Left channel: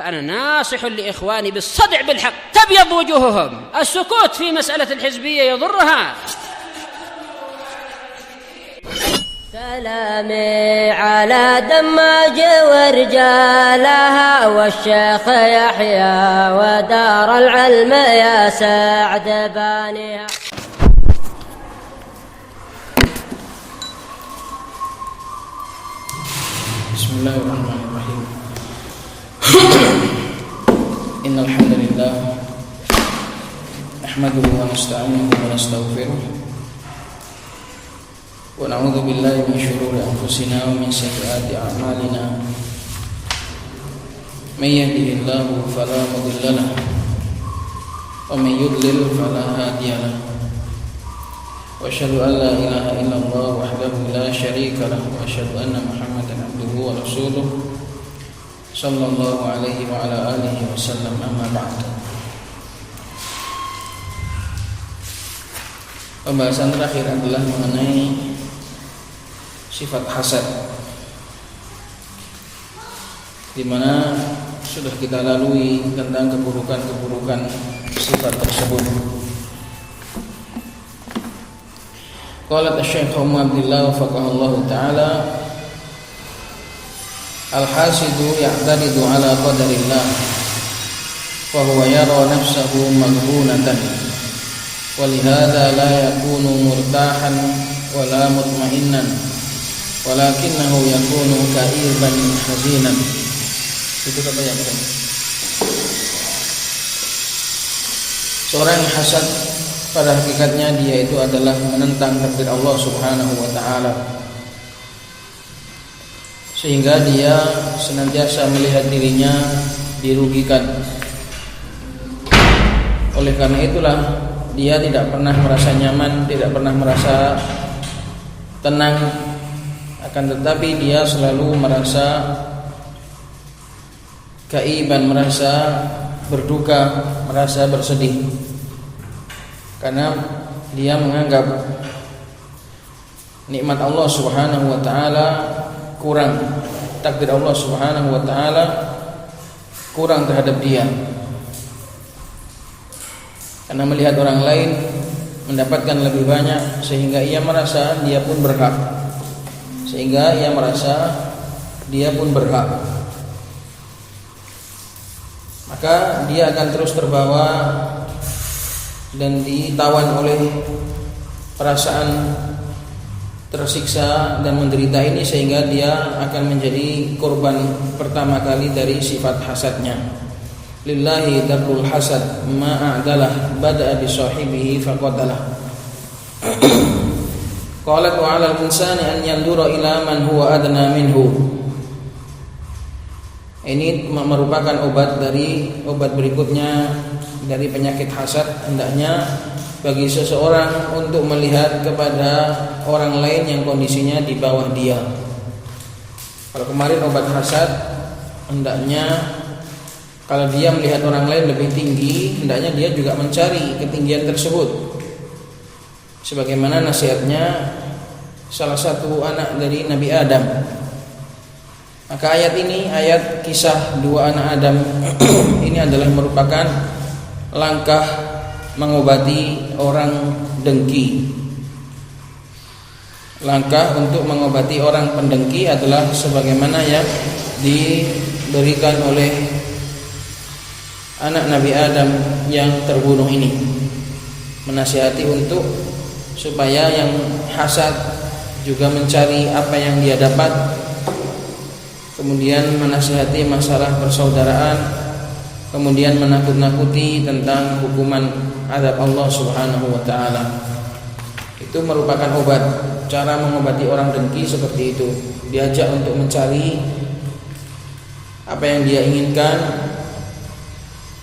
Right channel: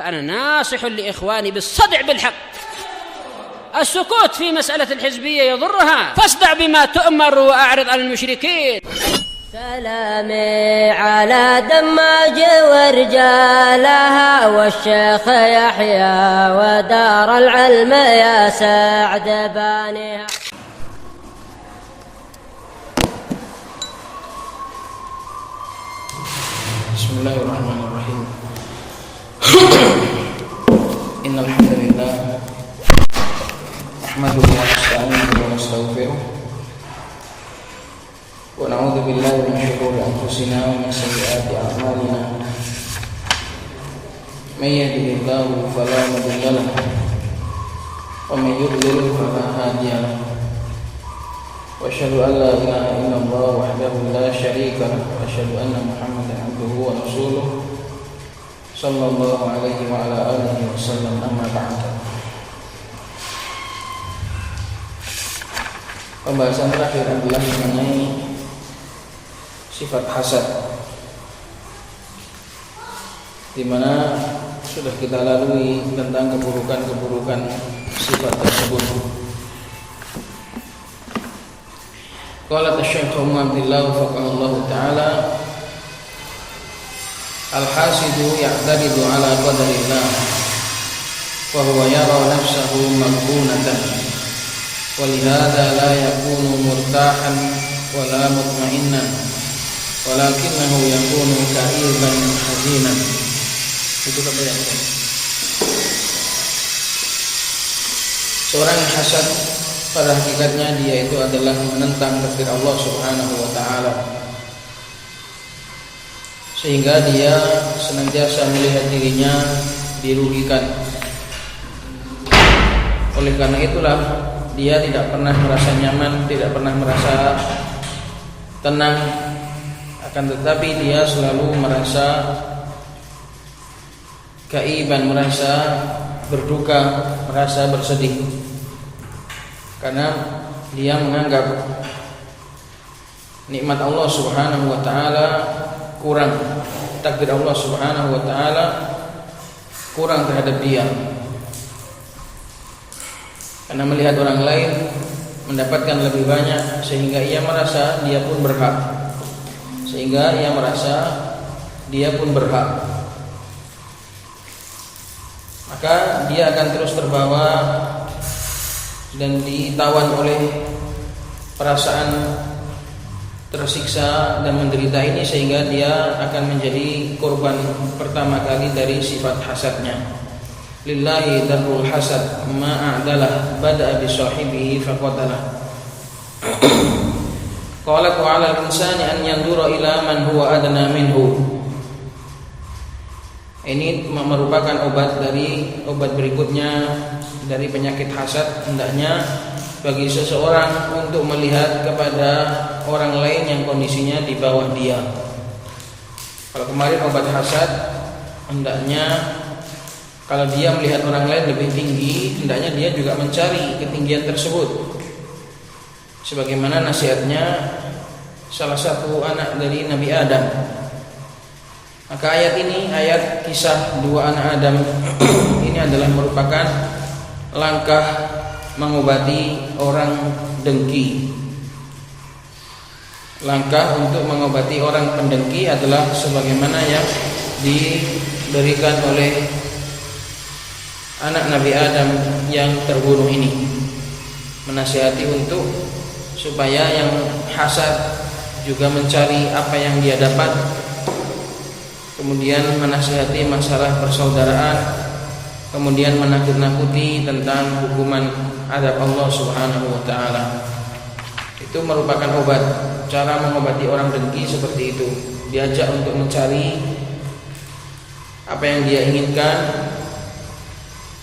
فأنا ناصح لإخواني بالصدع بالحق تبيض وجوههم. السكوت في مسألة الحزبية يضرها، فاصدع بما تؤمر وأعرض عن المشركين. سلامي على دماج ورجالها والشيخ يحيى ودار العلم يا سعد بانيها. بسم الله الرحمن الرحيم. إن الحمد لله نحمده ونستعينه ونستغفره ونعوذ بالله من شرور أنفسنا ومن سيئات أعمالنا. من يهده الله فلا مضل له ومن يضلل فلا هادي له. وأشهد أن لا إله إلا الله وحده لا شريك له وأشهد أن محمدا عبده ورسوله صلى الله عليه وعلى آله وسلم. أما بعد. Pembahasan terakhir adalah mengenai sifat hasad, di mana sudah kita lalui tentang keburukan-keburukan sifat tersebut. Qala Syekh Abdullah wafaqahullah ta'ala, al-hasidu ya'taridu ala qadarillah wa huwa yara nafsahu maghbunatan wa lihadha la yakunu murtahan wa la mutma'innan walakinahu yakunu ka'iban hazinan. Itu kata yang kedua. Seorang yang hasad pada hakikatnya dia itu adalah menentang takdir Allah Subhanahu wa ta'ala, sehingga dia senantiasa melihat dirinya dirugikan. Oleh karena itulah dia tidak pernah merasa nyaman, tidak pernah merasa tenang, akan tetapi dia selalu merasa kaiban, merasa berduka, merasa bersedih, karena dia menganggap nikmat Allah Subhanahu wa ta'ala kurang, takdir Allah Subhanahu wa ta'ala kurang terhadap dia, karena melihat orang lain mendapatkan lebih banyak sehingga ia merasa dia pun berhak, maka dia akan terus terbawa dan ditawan oleh perasaan tersiksa dan menderita ini, sehingga dia akan menjadi korban pertama kali dari sifat hasadnya. Lillahi darul hasad ma'adalah bada'a bisahibihi faqadalah. Qalat wa 'ala al-insani an yandura ila man huwa adna minhu. Ini merupakan obat berikutnya dari penyakit hasad. Hendaknya bagi seseorang untuk melihat kepada orang lain yang kondisinya di bawah dia. Kalau kemarin obat hasad, hendaknya kalau dia melihat orang lain lebih tinggi, hendaknya dia juga mencari ketinggian tersebut, sebagaimana nasihatnya salah satu anak dari Nabi Adam. Maka ayat ini, ayat kisah dua anak Adam ini adalah merupakan langkah mengobati orang dengki. Langkah untuk mengobati orang pendengki adalah sebagaimana yang diberikan oleh anak Nabi Adam yang terbunuh ini, menasihati untuk supaya yang hasad juga mencari apa yang dia dapat, kemudian menasihati masalah persaudaraan, kemudian menakut-nakuti tentang hukuman azab Allah Subhanahu wa ta'ala. Itu merupakan obat. Cara mengobati orang dengki seperti itu, diajak untuk mencari apa yang dia inginkan,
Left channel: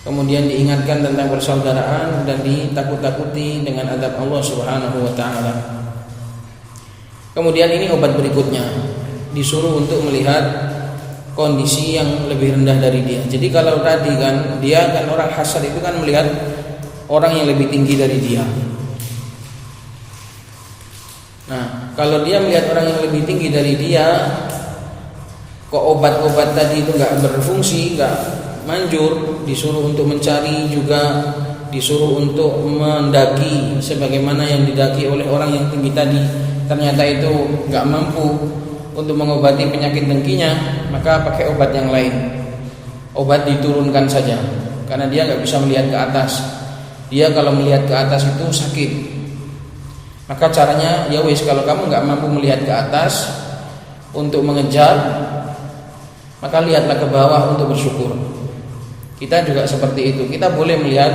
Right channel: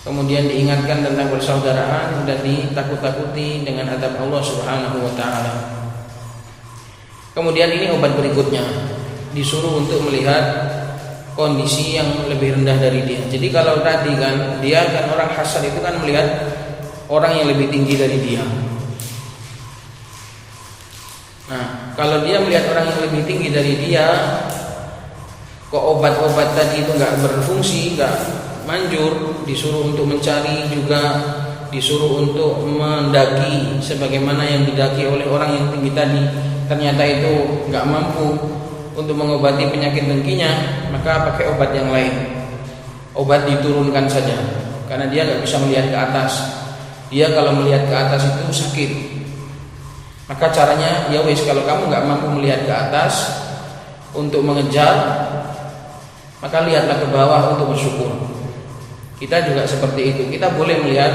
kemudian diingatkan tentang persaudaraan dan ditakut-takuti dengan azab Allah Subhanahu wa ta'ala. Kemudian ini obat berikutnya, disuruh untuk melihat kondisi yang lebih rendah dari dia. Jadi kalau tadi kan dia kan orang hasad itu kan melihat orang yang lebih tinggi dari dia. Nah, kalau dia melihat orang yang lebih tinggi dari dia, kok obat-obat tadi itu nggak berfungsi, manjur, disuruh untuk mencari, juga disuruh untuk mendaki sebagaimana yang didaki oleh orang yang tinggi tadi, ternyata itu nggak mampu untuk mengobati penyakit dengkinya, maka pakai obat yang lain. Obat diturunkan saja, karena dia nggak bisa melihat ke atas. Dia kalau melihat ke atas itu sakit. Maka caranya, ya wis, kalau kamu nggak mampu melihat ke atas untuk mengejar, maka lihatlah ke bawah untuk bersyukur. Kita juga seperti itu. Kita boleh melihat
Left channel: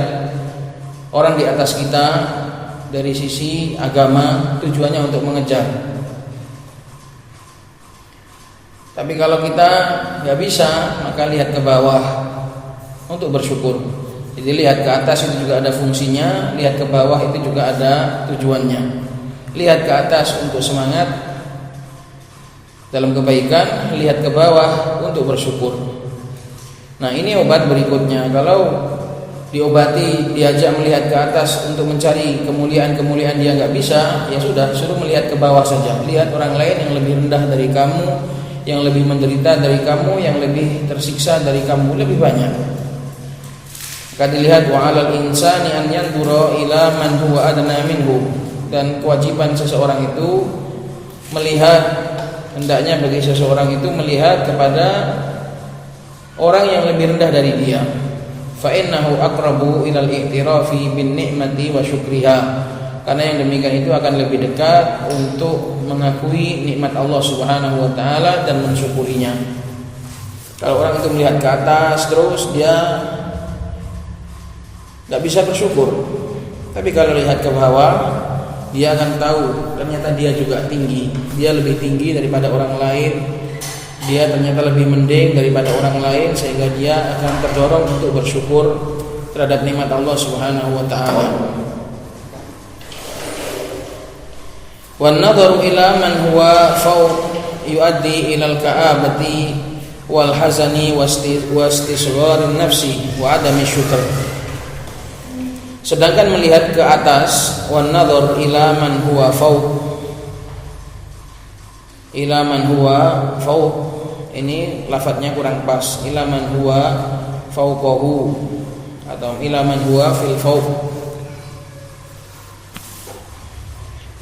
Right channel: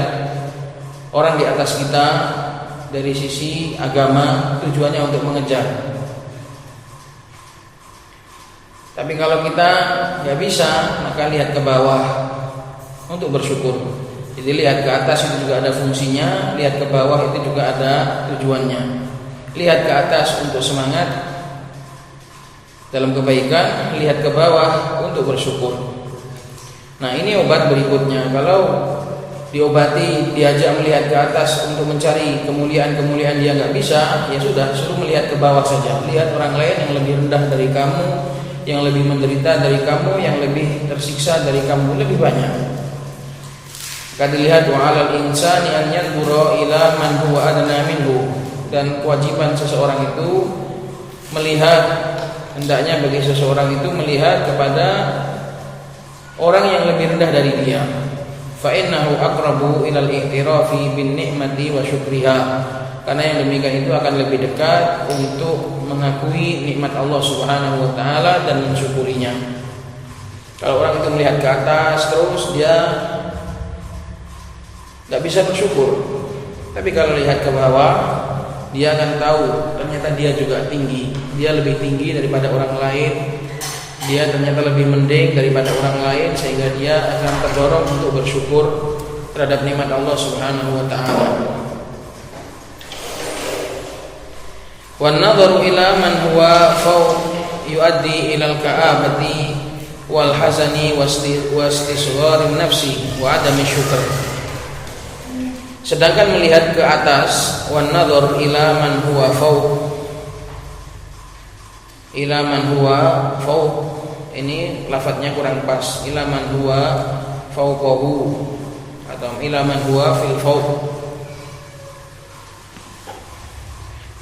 orang di atas kita dari sisi agama, tujuannya untuk mengejar. Tapi kalau kita nggak bisa, maka lihat ke bawah untuk bersyukur. Jadi lihat ke atas itu juga ada fungsinya, lihat ke bawah itu juga ada tujuannya. Lihat ke atas untuk semangat dalam kebaikan, lihat ke bawah untuk bersyukur. Nah, ini obat berikutnya. Kalau diobati, diajak melihat ke atas untuk mencari kemuliaan-kemuliaan, dia nggak bisa, ya sudah, suruh melihat ke bawah saja. Lihat orang lain yang lebih rendah dari kamu, yang lebih menderita dari kamu, yang lebih tersiksa dari kamu, lebih banyak. Maka dilihat, wa 'alal insani an yanzura ila man huwa adna minhu, dan kewajiban seseorang itu melihat, hendaknya bagi seseorang itu melihat kepada orang yang lebih rendah dari dia. Fa innahu aqrabu ila al-i'tirafi bin ni'mati wa syukriha, karena yang demikian itu akan lebih dekat untuk mengakui nikmat Allah Subhanahu wa taala dan mensyukurinya. Kalau orang itu melihat ke atas terus, dia nggak bisa bersyukur. Tapi kalau lihat ke bawah, dia akan tahu ternyata dia juga tinggi, dia lebih tinggi daripada orang lain, dia ternyata lebih mending daripada orang lain, sehingga dia akan terdorong untuk bersyukur terhadap nikmat Allah Subhanahu wa taala. Wan nadharu ila man huwa fawq yuaddi ila al-ka'abati wal hazani wastisgharin nafsi wa adami syukr. Sedangkan melihat ke atas, wan nadhar ila man huwa fawq, ila man huwa fawq, ini lafadznya kurang pas. Ila man huwa fawqahu atau ila man huwa fil fawq.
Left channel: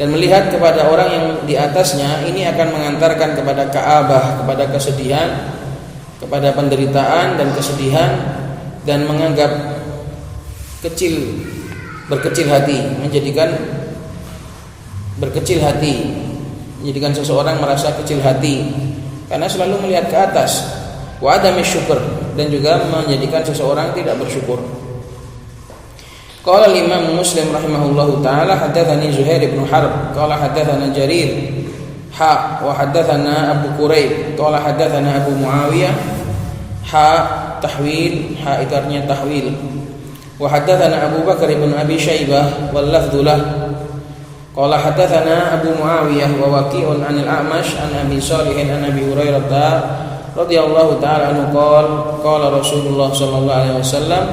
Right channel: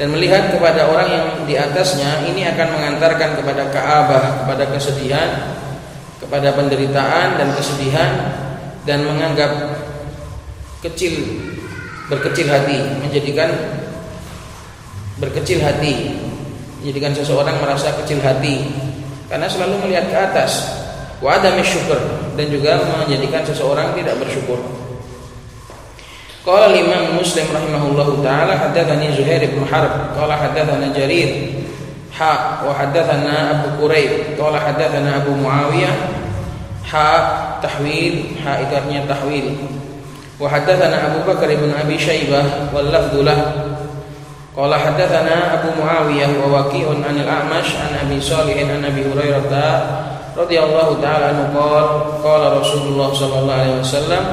Dan melihat kepada orang yang di atasnya, ini akan mengantarkan kepada ka'abah, kepada kesedihan, kepada penderitaan dan kesedihan, dan menganggap kecil, berkecil hati, menjadikan berkecil hati, menjadikan seseorang merasa kecil hati karena selalu melihat ke atas. Wa adami syukur, dan juga menjadikan seseorang tidak bersyukur. Qala Imam Muslim rahimahullahu taala, haddatsani Zuhair bin Harb qala haddatsana Jarir wa haddatsana Abu Quraib qala haddatsana Abu Muawiyah tahwil, itu artinya tahwil. Wa haddatsana Abu Bakar bin Abi Syaibah wal lafdhu lah qala haddatsana Abu Muawiyah wa Waqi'un an al-A'mash an Abi Shalih an Abi Hurairah radhiyallahu ta'ala anhu qala Rasulullah sallallahu alaihi wasallam,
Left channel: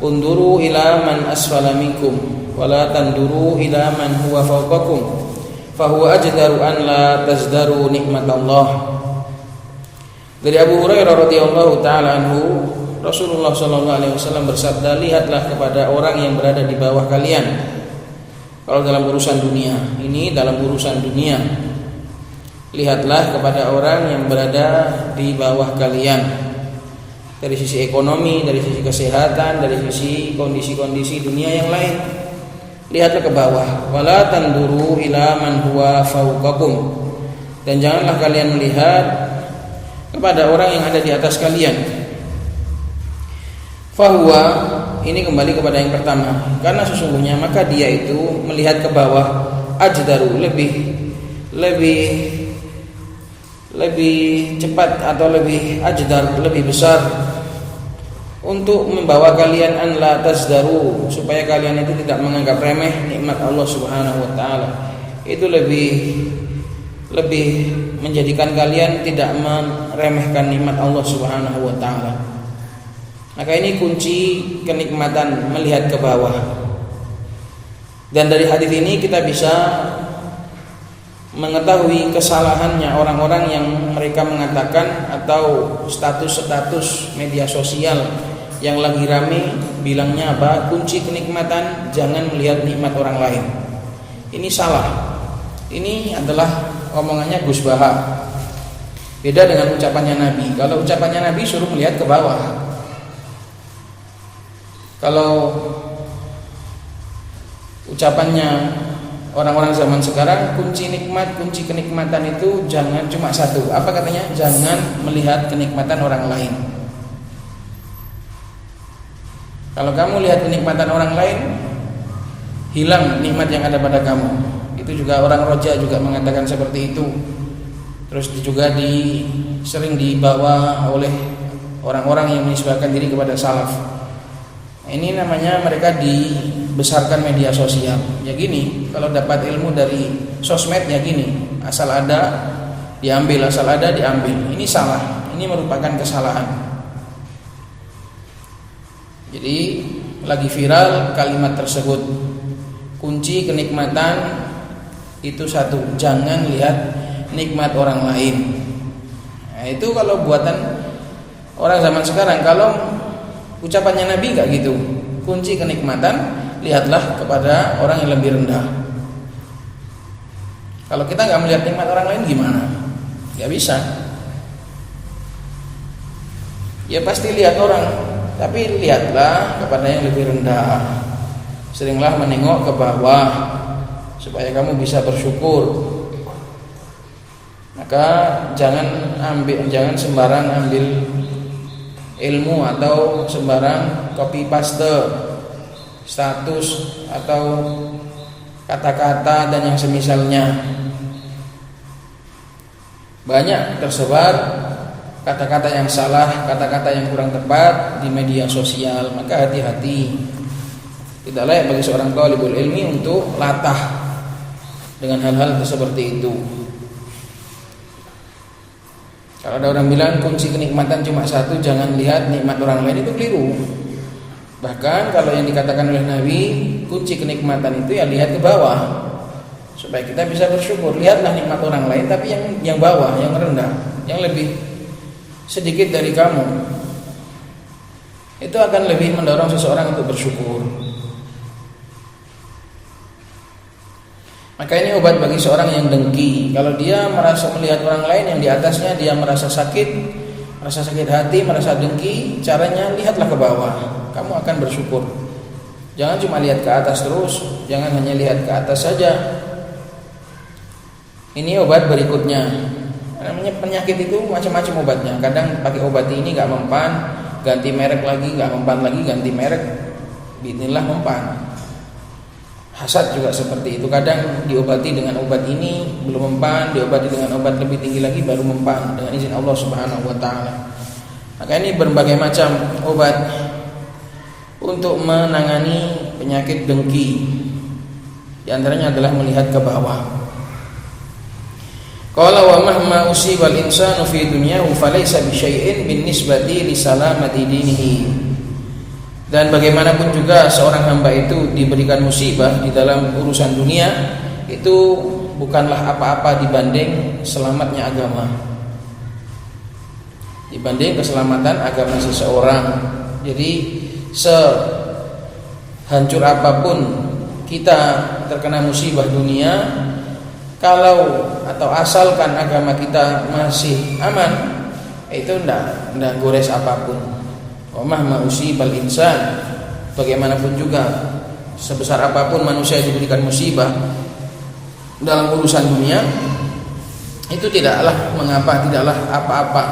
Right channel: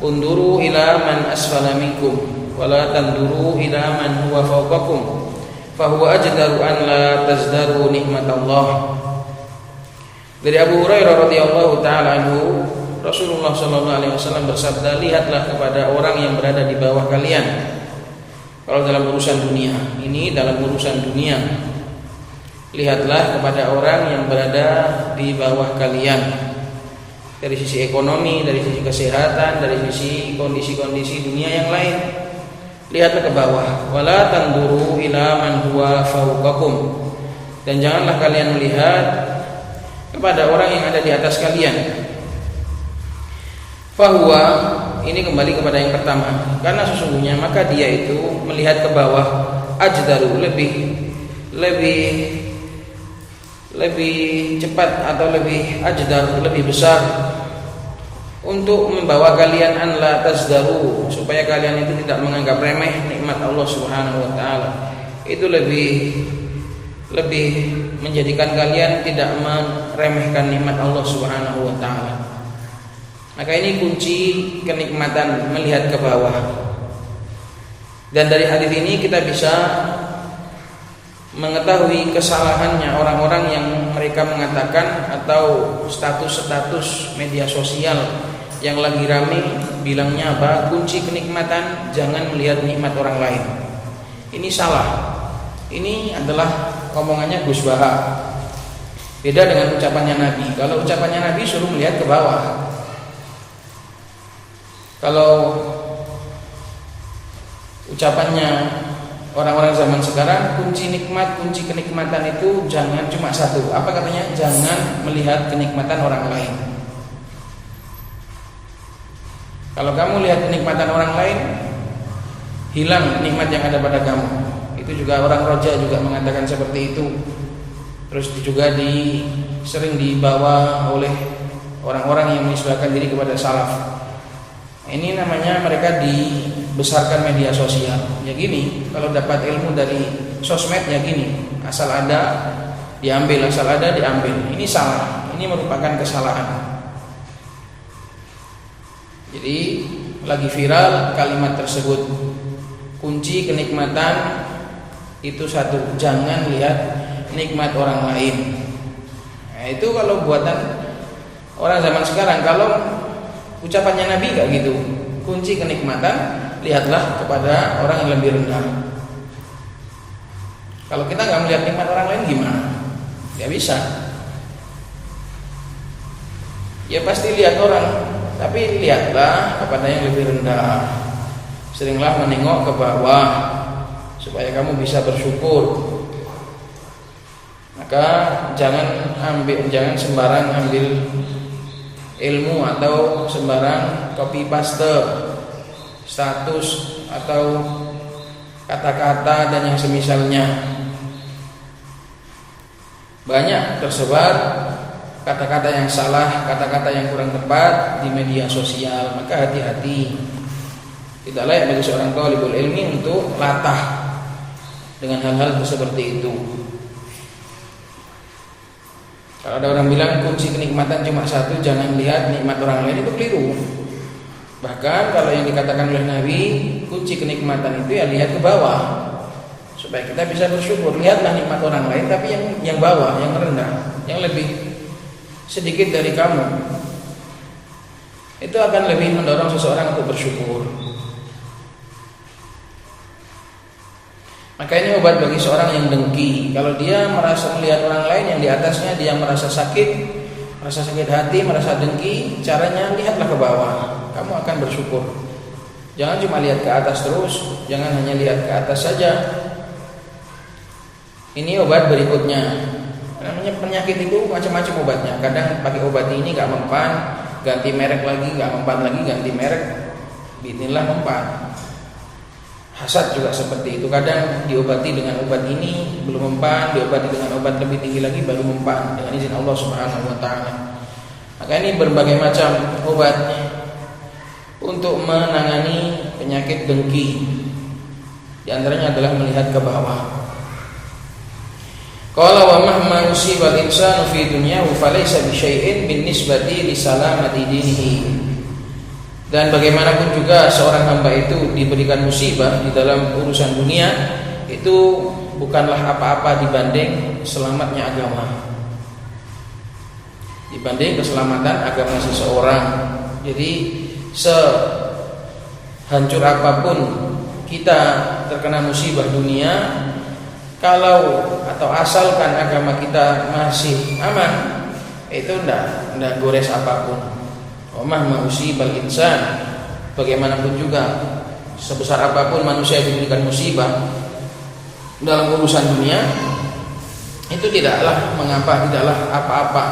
unduru ila man asfala minkum wa la tanduru ila man huwa fawqakum fa huwa ajdaru an la tazdaru nikmatallah. Dari Abu Hurairah radhiyallahu ta'ala anhu, Rasulullah sallallahu alaihi wasallam bersabda, lihatlah kepada orang yang berada di bawah kalian. Kalau dalam urusan dunia, ini dalam urusan dunia, lihatlah kepada orang yang berada di bawah kalian. Dari sisi ekonomi, dari sisi kesehatan, dari sisi kondisi-kondisi dunia yang lain, lihatlah ke bawah. Wala tanduru ila man huwa fawqakum, dan janganlah kalian melihat kepada orang yang ada di atas kalian. Fahuwa, ini kembali kepada yang pertama, karena sesungguhnya maka dia itu melihat ke bawah, ajdaru, lebih cepat atau lebih ajdar, lebih besar untuk membawa kalian an la tazdaru, supaya kalian itu tidak menganggap remeh nikmat Allah Subhanahu wa taala. Itu lebih menjadikan kalian tidak meremehkan nikmat Allah Subhanahu wa taala. Maka ini kunci kenikmatan, melihat ke bawah. Dan dari hadis ini kita bisa mengetahui kesalahannya orang-orang yang mereka mengatakan, atau status-status media sosial yang lagi rame bilangnya apa? Kunci kenikmatan jangan melihat nikmat orang lain. Ini salah. Ini adalah omongannya Gus Baha. Beda dengan ucapannya Nabi. Kalau ucapannya Nabi suruh melihat ke bawah. Kalau ucapannya orang-orang zaman sekarang, kunci nikmat, kunci kenikmatan itu jangan cuma satu. Apa katanya? Jangan melihat kenikmatan orang lain. Kalau kamu lihat kenikmatan orang lain, hilang nikmat yang ada pada kamu. Itu juga orang Raja juga mengatakan seperti itu. Terus juga sering dibawa oleh orang-orang yang menisbahkan diri kepada salaf. Ini namanya mereka dibesarkan media sosial. Ya gini, kalau dapat ilmu dari sosmed ya gini, asal ada diambil, asal ada diambil. Ini salah. Ini merupakan kesalahan. Jadi lagi viral kalimat tersebut. Kunci kenikmatan itu satu, jangan lihat nikmat orang lain. Nah, itu kalau buatan orang zaman sekarang. Kalau ucapannya Nabi gak gitu. Kunci kenikmatan, lihatlah kepada orang yang lebih rendah. Kalau kita gak melihat nikmat orang lain gimana? Gak bisa. Ya pasti lihat orang, tapi lihatlah kepada yang lebih rendah. Seringlah menengok ke bawah supaya kamu bisa bersyukur. Maka jangan sembarang ambil ilmu atau sembarang copy paste status atau kata-kata dan yang semisalnya. Banyak tersebar kata-kata yang salah, kata-kata yang kurang tepat di media sosial. Maka hati-hati. Tidak layak bagi seorang talibul ilmi untuk latah dengan hal-hal seperti itu. Kalau ada orang bilang kunci kenikmatan cuma satu, jangan lihat nikmat orang lain, itu keliru. Bahkan kalau yang dikatakan oleh Nabi, kunci kenikmatan itu ya lihat ke bawah, supaya kita bisa bersyukur. Lihatlah nikmat orang lain, tapi yang bawah, yang rendah, yang lebih sedikit dari kamu. Itu akan lebih mendorong seseorang untuk bersyukur. Maka ini obat bagi seorang yang dengki. Kalau dia merasa melihat orang lain yang di atasnya, dia merasa sakit hati, merasa dengki, caranya lihatlah ke bawah. Kamu akan bersyukur. Jangan cuma lihat ke atas terus, jangan hanya lihat ke atas saja. Ini obat berikutnya. Namanya penyakit itu macam-macam obatnya. Kadang pakai obat ini gak mempan, ganti merek lagi, gak mempan lagi, ganti merek, bismillah mempan. Hasad juga seperti itu. Kadang diobati dengan obat ini belum mempan, diobati dengan obat lebih tinggi lagi baru mempan dengan izin Allah Subhanahu wa taala. Maka ini berbagai macam obat untuk menangani penyakit dengki. Di antaranya adalah melihat ke bawah. Qala wa mahma usibal insanu fi dunyahu falaysa bi syai'in bin nisbati li salamati dinihi. Dan bagaimanapun juga seorang hamba itu diberikan musibah di dalam urusan dunia, itu bukanlah apa-apa dibanding selamatnya agama, dibanding keselamatan agama seseorang. Jadi sehancur apapun kita terkena musibah dunia, kalau atau asalkan agama kita masih aman, itu enggak gores apapun. Omah musibal insan, bagaimanapun juga sebesar apapun manusia diberikan musibah dalam urusan dunia, itu tidaklah mengapa, tidaklah apa-apa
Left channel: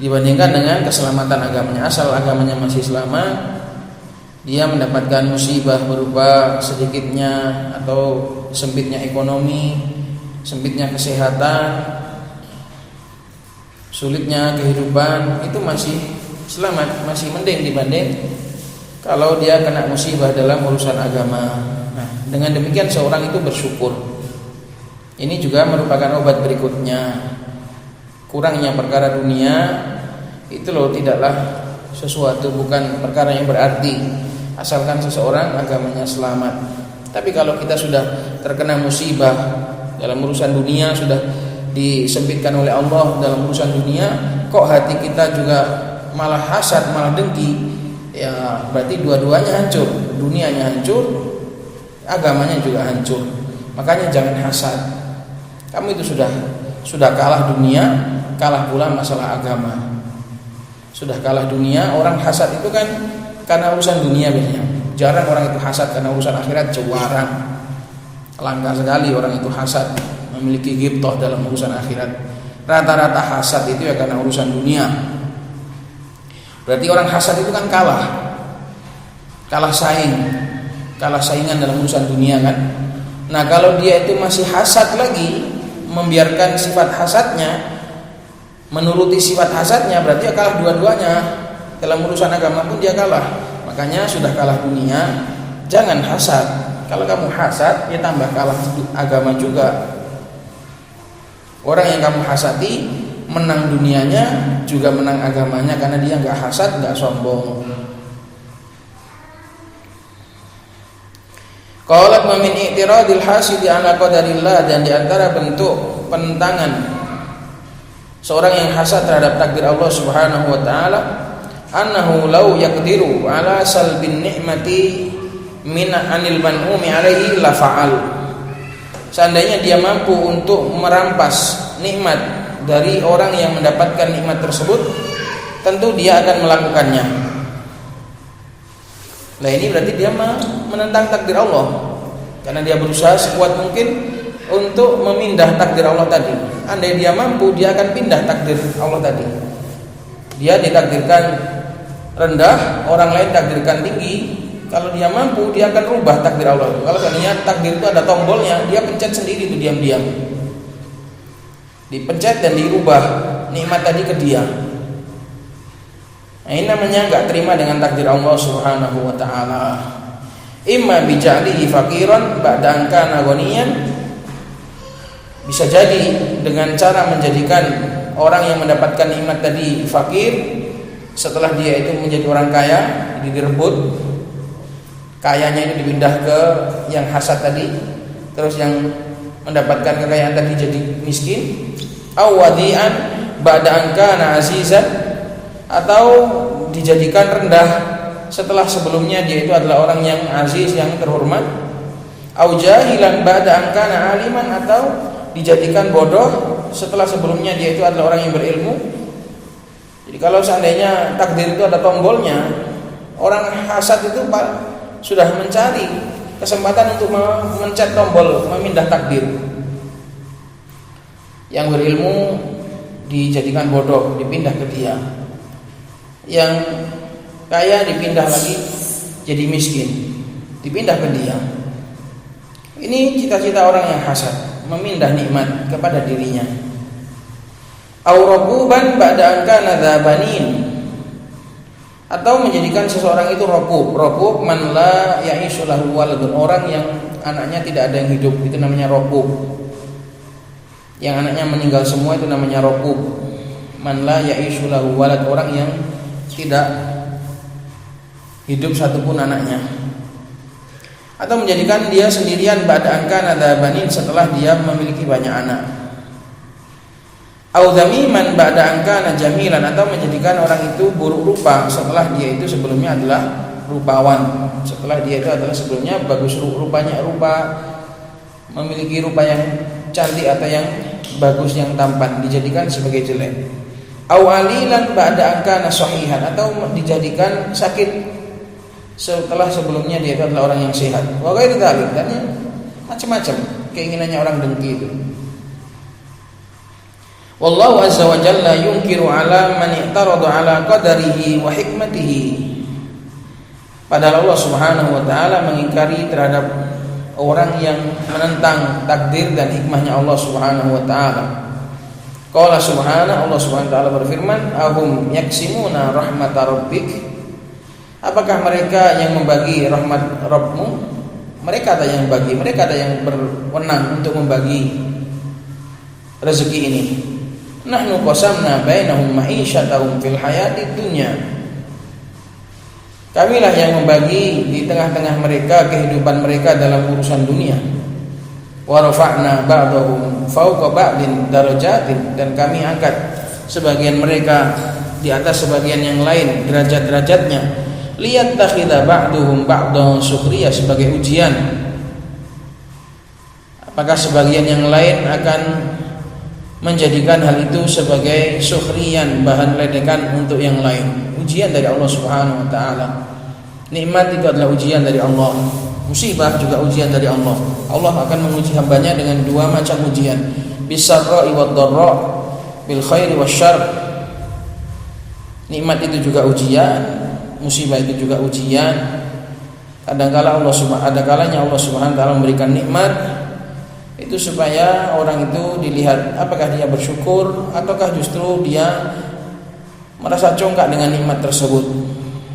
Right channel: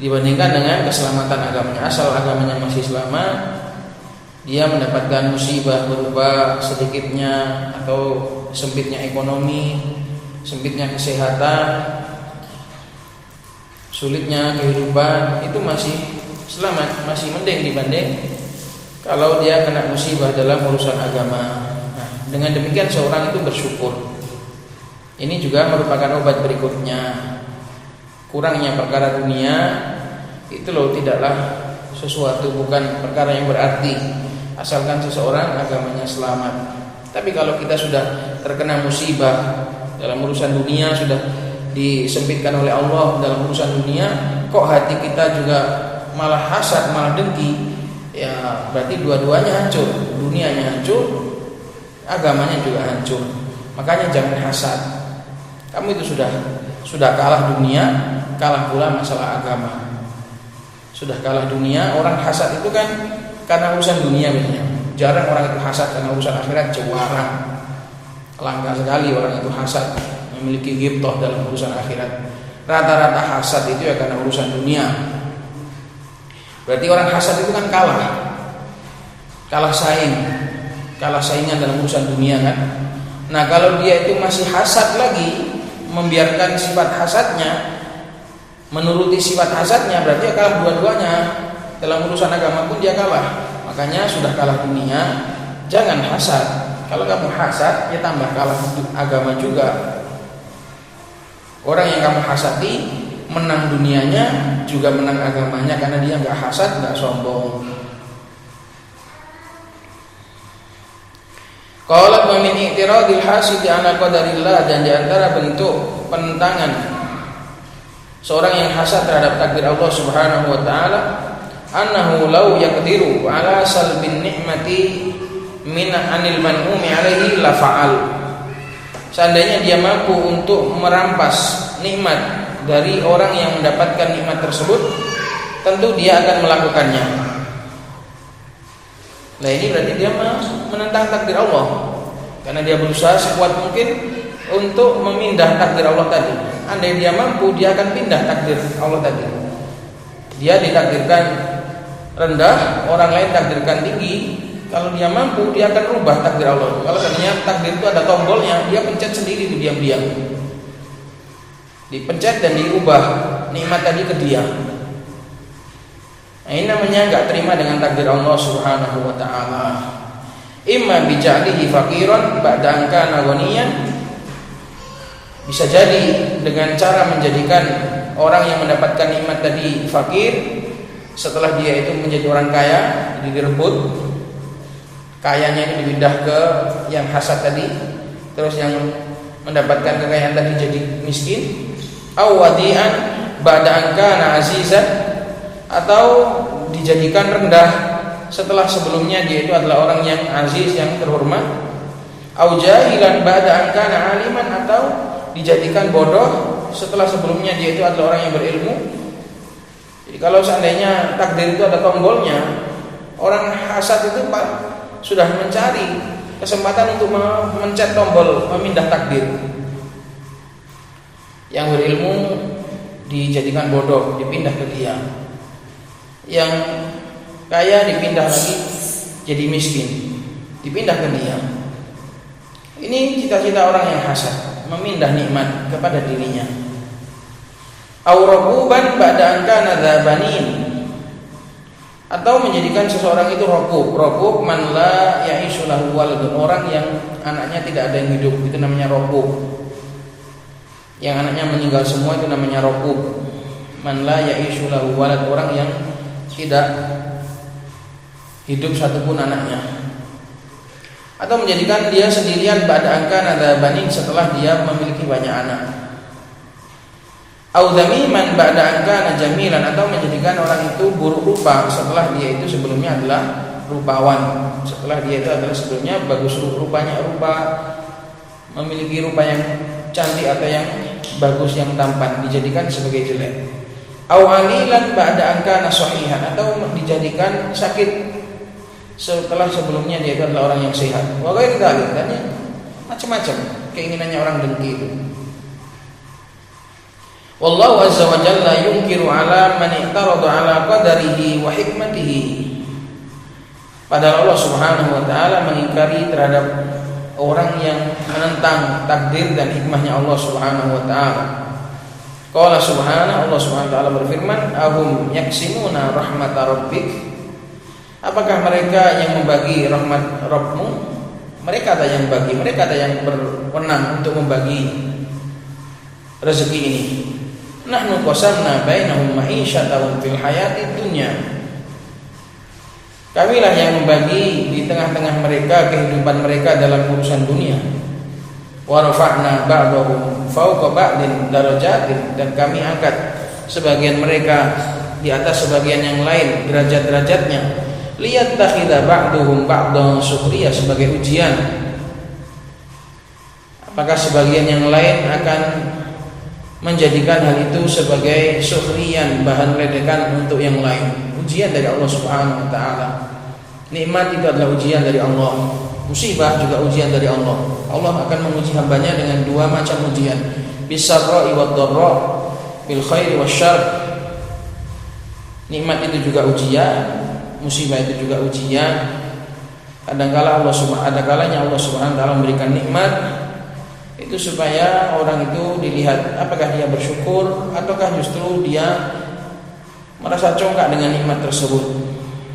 dibandingkan dengan keselamatan agamanya. Asal agamanya masih selamat, dia mendapatkan musibah berupa sedikitnya atau sempitnya ekonomi, sempitnya kesehatan, sulitnya kehidupan, itu masih selamat, masih mending dibanding kalau dia kena musibah dalam urusan agama. Nah, dengan demikian seorang itu bersyukur. Ini juga merupakan obat berikutnya. Kurangnya perkara dunia itu loh tidaklah sesuatu, bukan perkara yang berarti asalkan seseorang agamanya selamat. Tapi kalau kita sudah terkena musibah dalam urusan dunia, sudah disempitkan oleh Allah dalam urusan dunia, kok hati kita juga malah hasad, malah dengki, ya berarti dua-duanya hancur, dunianya hancur, agamanya juga hancur. Makanya jangan hasad. Kamu itu sudah kalah dunia, kalah pula masalah agama. Sudah kalah dunia. Orang hasad itu kan karena urusan dunia biasanya. Jarang orang itu hasad karena urusan akhirat, jarang. Langka sekali orang itu hasad memiliki ghibthah dalam urusan akhirat. Rata-rata hasad itu ya karena urusan dunia. Berarti orang hasad itu kan kalah saingan dalam urusan dunia kan. Nah kalau dia itu masih hasad lagi, membiarkan sifat hasadnya, menuruti sifat hasadnya, berarti ya kalah dua-duanya. Dalam urusan agama pun dia kalah. Makanya sudah kalah dunia, jangan hasad. Kalau kamu hasad, ya tambah kalah agama juga. Orang yang kamu hasati menang dunianya, juga menang agamanya, karena dia nggak hasad, nggak sombong. Qala min i'tiradil hasidi ala qadarillah, dan di antara bentuk penentangan seorang yang hasad terhadap takdir Allah Subhanahu wa taala, annahu law yaqdiru ala salbin ni'mati min anil man'umi alaihi la fa'al. Seandainya dia mampu untuk merampas nikmat dari orang yang mendapatkan nikmat tersebut, tentu dia akan melakukannya. Nah ini berarti dia menentang takdir Allah, karena dia berusaha sekuat mungkin untuk memindah takdir Allah tadi. Andai dia mampu, dia akan pindah takdir Allah tadi. Dia ditakdirkan rendah, orang lain takdirkan tinggi. Kalau dia mampu, dia akan rubah takdir Allah. Kalau seandainya takdir itu ada tombolnya, dia pencet sendiri itu diam-diam. Dipencet dan dirubah nikmat tadi ke dia. Nah, ini namanya enggak terima dengan takdir Allah Subhanahu wa taala. Imma bija'lihi faqiran ba'da an kana ghaniyan. Bisa jadi dengan cara menjadikan orang yang mendapatkan nikmat tadi fakir, setelah dia itu menjadi orang kaya, direbut kayanya itu dipindah ke yang hasad tadi, terus yang mendapatkan kekayaan tadi jadi miskin. Awadian ba'da an kana azizan, atau dijadikan rendah setelah sebelumnya dia itu adalah orang yang aziz, yang terhormat. Au jahilan ba'da an kana aliman, atau dijadikan bodoh setelah sebelumnya dia itu adalah orang yang berilmu. Jadi kalau seandainya takdir itu ada tombolnya, orang hasad itu sudah mencari kesempatan untuk memencet tombol memindah takdir. Yang berilmu dijadikan bodoh, dipindah ke dia. Yang kaya dipindah lagi jadi miskin, dipindah ke dia. Ini cita-cita orang yang hasad, memindah nikmat kepada dirinya. Aurabuban ba'da an kana dzabanin, atau menjadikan seseorang itu robub. Robub man la ya'ishu lahu waladun, orang yang anaknya tidak ada yang hidup, itu namanya robub. Yang anaknya meninggal semua itu namanya robub. Man la ya'ishu lahu walad, orang yang tidak hidup satupun anaknya. Atau menjadikan dia sendirian ba'da an kana dzabanin, setelah dia memiliki banyak anak. Au dzamiman ba'da an kana jamilan, atau menjadikan orang itu buruk rupa setelah dia itu sebelumnya adalah rupawan. Setelah dia itu adalah sebelumnya bagus rupanya, memiliki rupa yang cantik atau yang bagus, yang tampan, dijadikan sebagai jelek. Au alilan ba'da an kana sahihan, atau dijadikan sakit setelah sebelumnya dia itu adalah orang yang sehat. Wa ghairu dzalik, dan macam-macam keinginannya orang dengki itu. Wallahu azza wa jalla yunkiru ala man i'tarada ala qadarihi wa hikmatihi. Padahal Allah Subhanahu wa taala mengingkari terhadap orang yang menentang takdir dan hikmahnya Allah Subhanahu wa taala. Qala subhanahu, Allah Subhanahu wa taala berfirman, ahum yaksimuna rahmat rabbik. Apakah mereka yang membagi rahmat Rabbmu? Mereka ada yang bagi, mereka ada yang berwenang untuk membagi rezeki ini. Nahnu qasamna bainahum ma'isyatahum fil hayatid dunya. Kamilah yang membagi di tengah-tengah mereka kehidupan mereka dalam urusan dunia. Wa rafa'na ba'dahum fawqa ba'din darajatin, dan kami angkat sebagian mereka di atas sebagian yang lain derajat-derajatnya. Liyattakhidha ba'duhum ba'dan sukhriya, sebagai ujian. Apakah sebagian yang lain akan menjadikan hal itu sebagai sukhriyan, bahan ledekan untuk yang lain. Ujian dari Allah Subhanahu wa taala. Nikmat itu adalah ujian dari Allah. Musibah juga ujian dari Allah. Allah akan menguji hambanya dengan dua macam ujian, bis-sarra'i wad-dharra, bil khairi wasyarr. Nikmat itu juga ujian, musibah itu juga ujian. Kadang-kala Allah Subhanahu wa taala memberikan nikmat itu supaya orang itu dilihat apakah dia bersyukur ataukah justru dia merasa congkak dengan nikmat tersebut.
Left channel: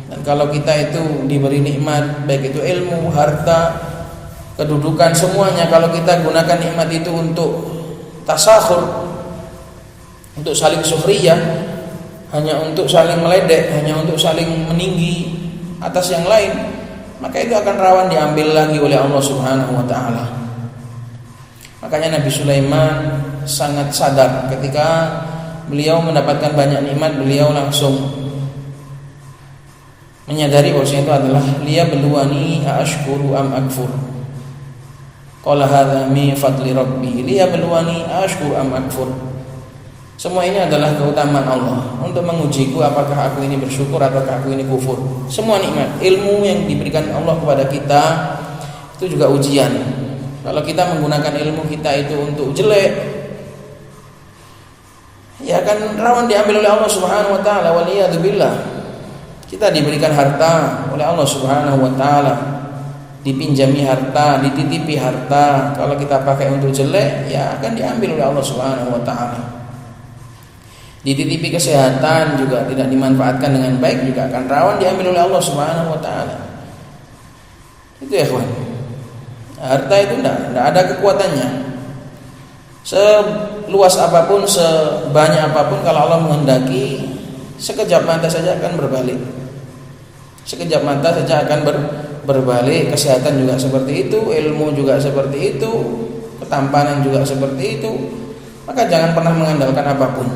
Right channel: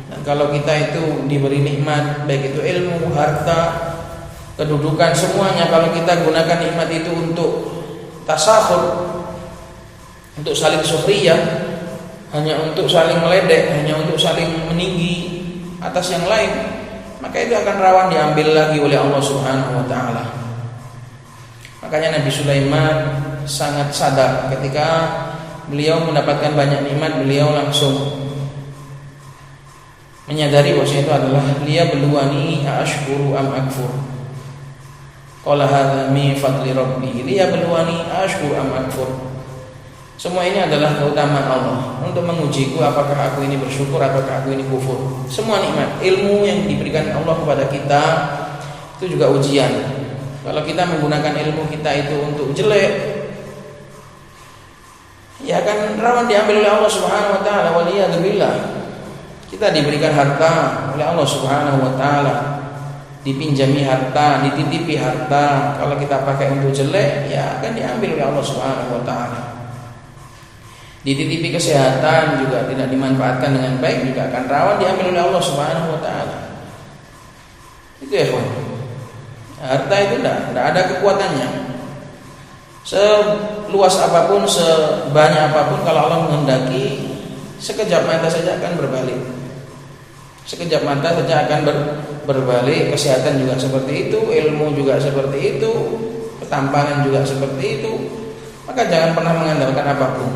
Dan kalau kita itu diberi nikmat, baik itu ilmu, harta, kedudukan, semuanya, kalau kita gunakan nikmat itu untuk tasakhur, untuk saling sukhriyah, hanya untuk saling meledek, hanya untuk saling meninggi atas yang lain, maka itu akan rawan diambil lagi oleh Allah Subhanahu wa taala. Makanya Nabi Sulaiman sangat sadar ketika beliau mendapatkan banyak nikmat, beliau langsung menyadari bahwasanya itu adalah liyabluwani ashkuru am akfur. Qala hadza min fadli rabbi liyabluwani ashkuru am akfur. Semua ini adalah keutamaan Allah untuk mengujiku apakah aku ini bersyukur ataukah aku ini kufur. Semua nikmat, ilmu yang diberikan Allah kepada kita itu juga ujian. Kalau kita menggunakan ilmu kita itu untuk jelek, ya akan rawan diambil oleh Allah Subhanahu wa taala. Waliyadzubillah. Kita diberikan harta oleh Allah Subhanahu wa taala, dipinjami harta, dititipi harta. Kalau kita pakai untuk jelek, ya akan diambil oleh Allah Subhanahu wa taala. Dititipi kesehatan juga tidak dimanfaatkan dengan baik, juga akan rawan diambil oleh Allah Subhanahu wa taala. Itu ya, kawan. Harta itu tidak ada kekuatannya. Seluas apapun, sebanyak apapun, kalau Allah menghendaki, sekejap mata saja akan berbalik. Sekejap mata saja akan berbalik. Kesehatan juga seperti itu, ilmu juga seperti itu, ketampanan juga seperti itu. Maka jangan pernah mengandalkan apapun.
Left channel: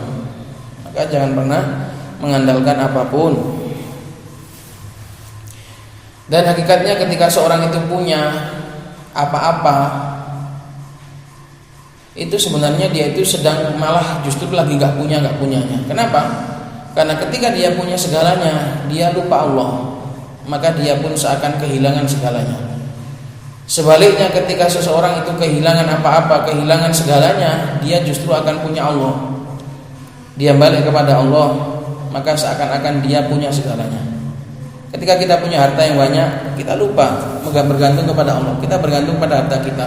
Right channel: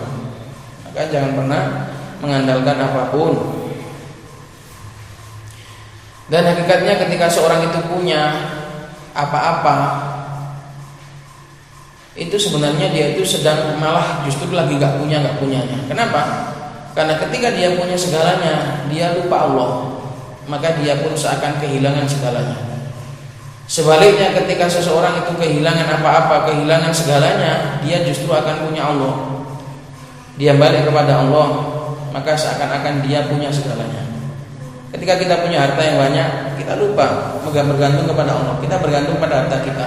Dan hakikatnya ketika seorang itu punya apa-apa, itu sebenarnya dia itu sedang malah justru lagi gak punyanya. Kenapa? Karena ketika dia punya segalanya, dia lupa Allah, maka dia pun seakan kehilangan segalanya. Sebaliknya ketika seseorang itu kehilangan apa-apa, kehilangan segalanya, dia justru akan punya Allah. Dia balik kepada Allah, maka seakan-akan dia punya segalanya. Ketika kita punya harta yang banyak, kita lupa bergantung kepada Allah. Kita bergantung pada harta kita.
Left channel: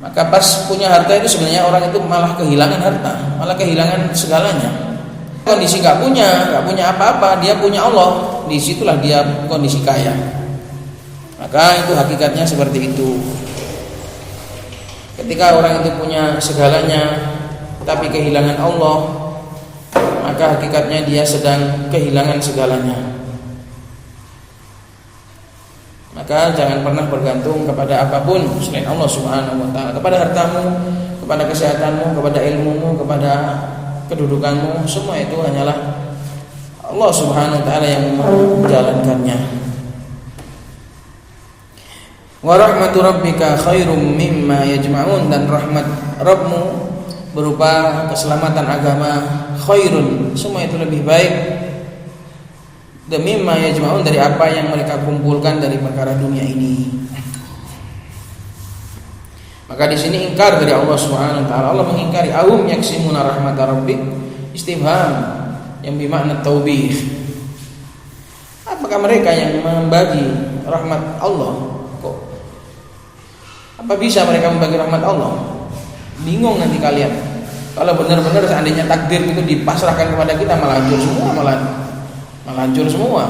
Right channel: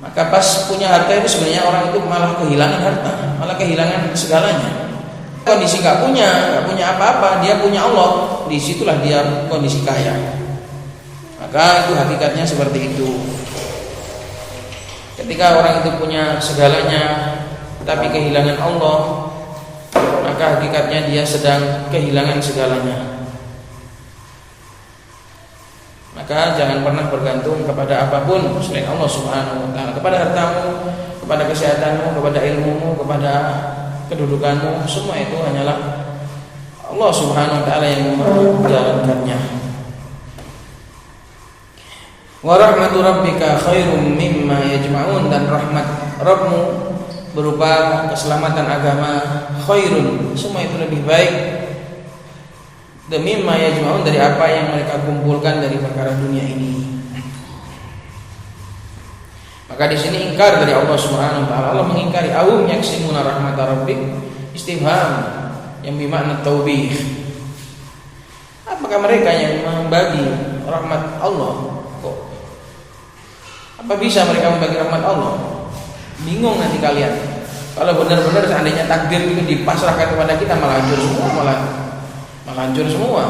Maka pas punya harta itu sebenarnya orang itu malah kehilangan harta, malah kehilangan segalanya. Kondisi gak punya apa-apa, dia punya Allah, disitulah dia kondisi kaya. Maka itu hakikatnya seperti itu. Ketika orang itu punya segalanya, tapi kehilangan Allah, maka hakikatnya dia sedang kehilangan segalanya. Maka jangan pernah bergantung kepada apapun selain Allah Subhanahu wa taala, kepada hartamu, kepada kesehatanmu, kepada ilmumu, kepada kedudukanmu, semua itu hanyalah Allah Subhanahu wa taala yang menjalankannya. Wa rahmatu rabbika khairum mimma yajma'un, dan rahmat Rabbmu berupa keselamatan agama, khairun, semua itu lebih baik, demi mimma yajma'un, dari apa yang mereka kumpulkan dari perkara dunia ini. Maka di sini ingkar dari Allah Subhanahu wa taala. Allah mengingkari awum yaksimuna rahmat rabbik, istifham yang bermakna taubih. Apakah mereka yang membagi rahmat Allah? Kok apa bisa mereka membagi rahmat Allah? Bingung nanti kalian. Kalau benar-benar seandainya takdir itu dipasrahkan kepada kita, malah hancur semua.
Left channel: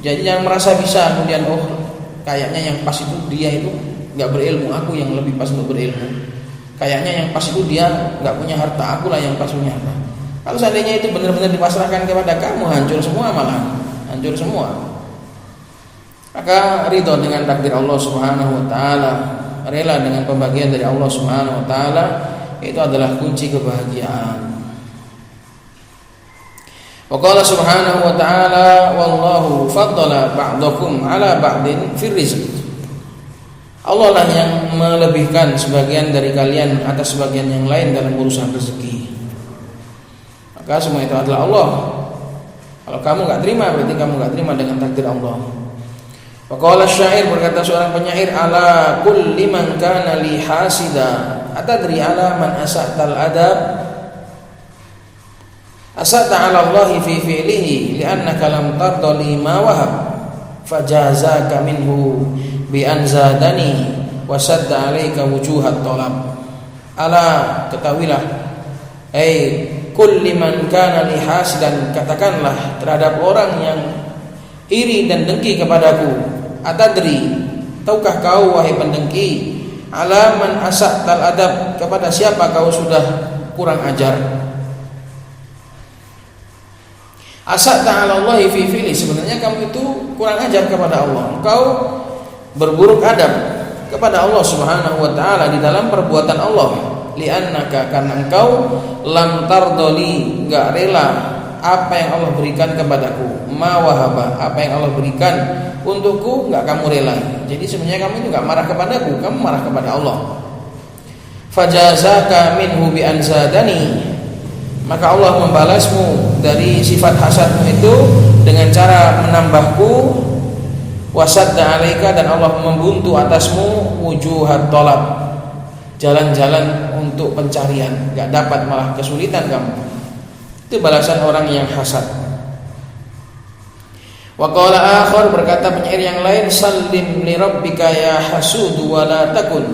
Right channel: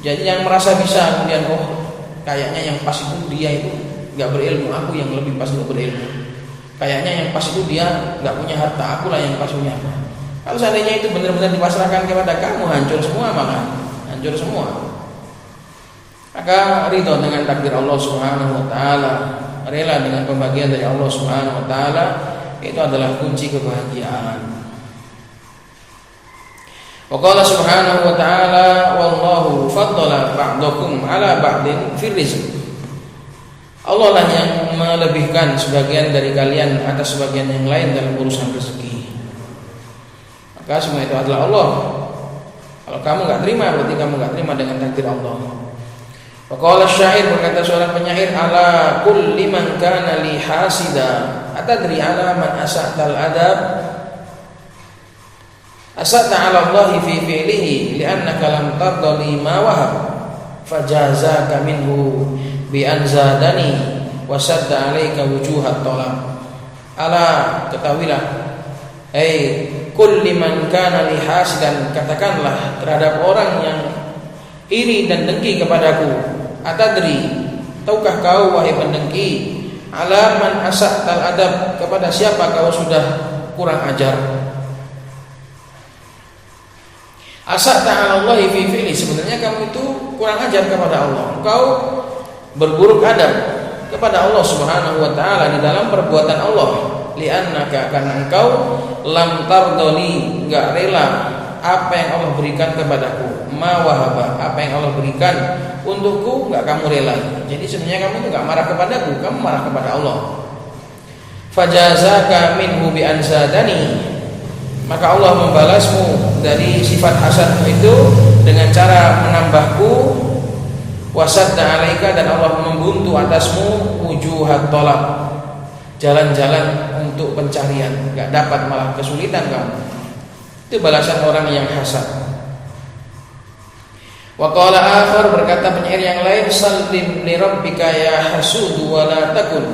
Jadi yang merasa bisa kemudian kayaknya yang pas itu dia itu nggak berilmu, aku yang lebih pas untuk berilmu. Kayaknya yang pas itu dia nggak punya harta, akulah yang pas punya harta. Kalau seandainya itu benar-benar dipasrahkan kepada kamu, hancur semua, malah hancur semua. Maka ridho dengan takdir Allah Subhanahu wa taala, rela dengan pembagian dari Allah Subhanahu wa taala, itu adalah kunci kebahagiaan. Wa qala subhanahu wa ta'ala wallahu faddala ba'dakum 'ala ba'din fir rizq. Allah lah yang melebihkan sebagian dari kalian atas sebagian yang lain dalam urusan rezeki. Maka semua itu adalah Allah. Kalau kamu enggak terima, berarti kamu enggak terima dengan takdir Allah. Wa qala syair, berkata seorang penyair, ala kulli man kana li hasida atadri ala man asa'tal adab. Asa'ta 'ala Allah fi fi'lihi li'annaka lam tarda li ma wahab fajazaka minhu bi anzadani wa sadda 'alaika wujuhat talab. Ala, ketahuilah, kulli man kana li hasidan, katakanlah terhadap orang yang iri dan dengki kepadaku, atadri, tahukah kau wahai pendengki, ala man asa'tal adab, kepada siapa kau sudah kurang ajar. Asa'ta 'ala Allah fi fi'li, sebenarnya kamu itu kurang ajar kepada Allah. Engkau berburuk adab kepada Allah Subhanahu wa taala di dalam perbuatan Allah. Li'annaka, karena engkau lam tardoli, enggak rela apa yang Allah berikan kepadaku. Ma wahaba, apa yang Allah berikan untukku enggak kamu rela. Jadi sebenarnya kamu itu enggak marah kepadaku, kamu marah kepada Allah. Fajazaka minhu bi anzadani, maka Allah membalasmu dari sifat hasadmu itu dengan cara menambahku, wasadda 'alaika, dan Allah membuntu atasmu wujuhat talab, jalan-jalan untuk pencarian, enggak dapat, malah kesulitan kamu. Itu balasan orang yang hasad. Wa qala akhar, berkata penyair yang lain, sallim li rabbika ya hasud wa la takun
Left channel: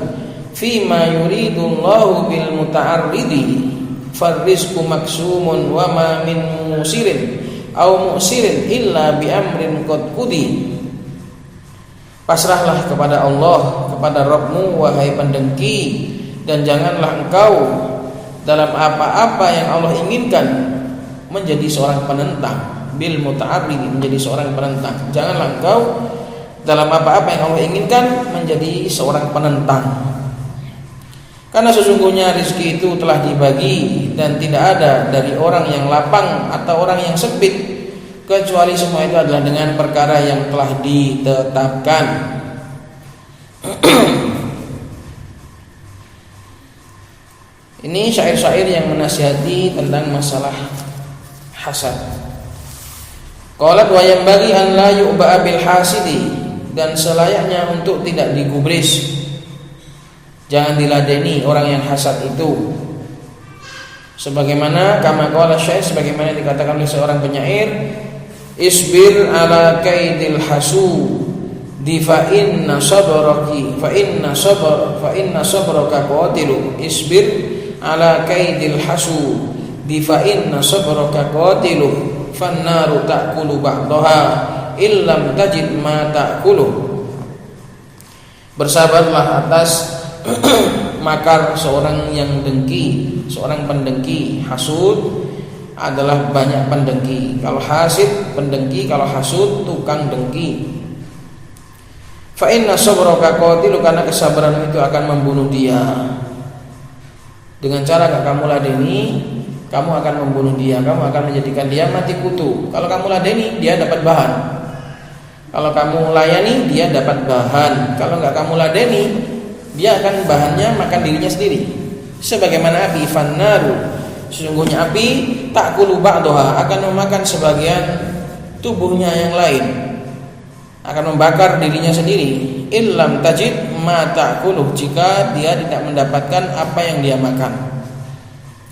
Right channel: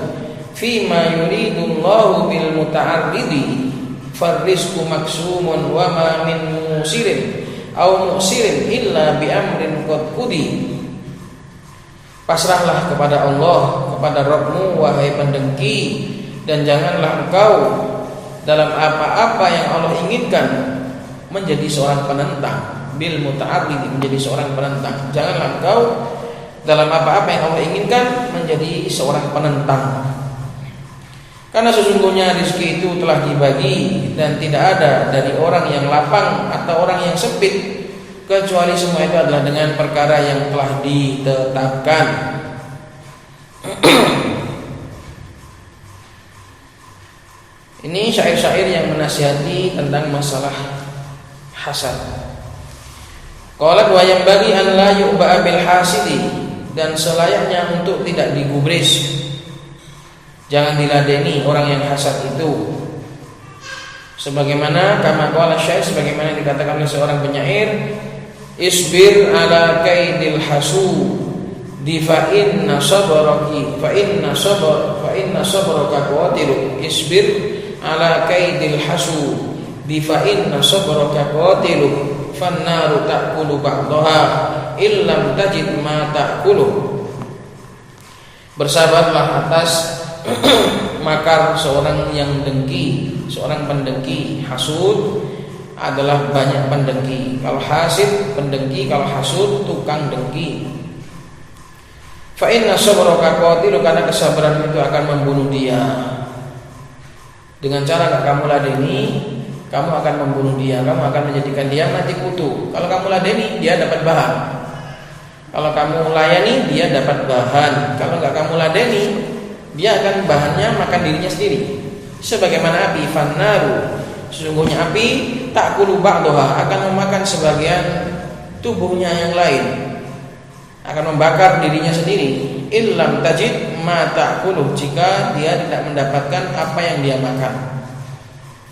fi ma yuridullahu bil muta'arridi. Farrizqu maksumun wa ma min musirin aw musirin illa bi amrin qad qudi. Pasrahlah kepada Allah, kepada Rabbmu wahai pendengki, dan janganlah engkau dalam apa-apa yang Allah inginkan menjadi seorang penentang. Bil muta'arrid, menjadi seorang penentang. Janganlah engkau dalam apa-apa yang Allah inginkan menjadi seorang penentang. Karena sesungguhnya rezeki itu telah dibagi dan tidak ada dari orang yang lapang atau orang yang sempit, kecuali semua itu adalah dengan perkara yang telah ditetapkan. Ini syair-syair yang menasihati tentang masalah hasad. Qala wa yanbaghi an la yu'ba'a bil hasidi, dan selayaknya untuk tidak digubris, jangan diladeni orang yang hasad itu. Sebagaimana kama qala syair, sebagaimana dikatakan oleh seorang penyair, isbir ala kaidil hasudi fa inna sabraki fa inna sabraka qatilu. Isbir ala kaidil hasudi fa inna sabraka qatilu fan naru ta'kulu ba'daha illam tajid ma ta'kulu. Bersabarlah atas makar seorang yang dengki, seorang pendengki. Hasud adalah banyak pendengki. Kalau hasid pendengki, kalau hasud tukang dengki. Fa inna sabraka qatilu, karena kesabaran itu akan membunuh dia. Dengan cara enggak kamu ladeni, kamu akan membunuh dia, kamu akan menjadikan dia mati kutu. Kalau kamu ladeni, dia dapat bahan. Kalau kamu layani, dia dapat bahan. Kalau enggak kamu ladeni, dia akan bahannya makan dirinya sendiri. Sebagaimana api, fannaru, sesungguhnya api ta'kulu ba'daha, akan memakan sebagian tubuhnya yang lain, akan membakar dirinya sendiri. Illam tajid ma ta'kulu, jika dia tidak mendapatkan apa yang dia makan.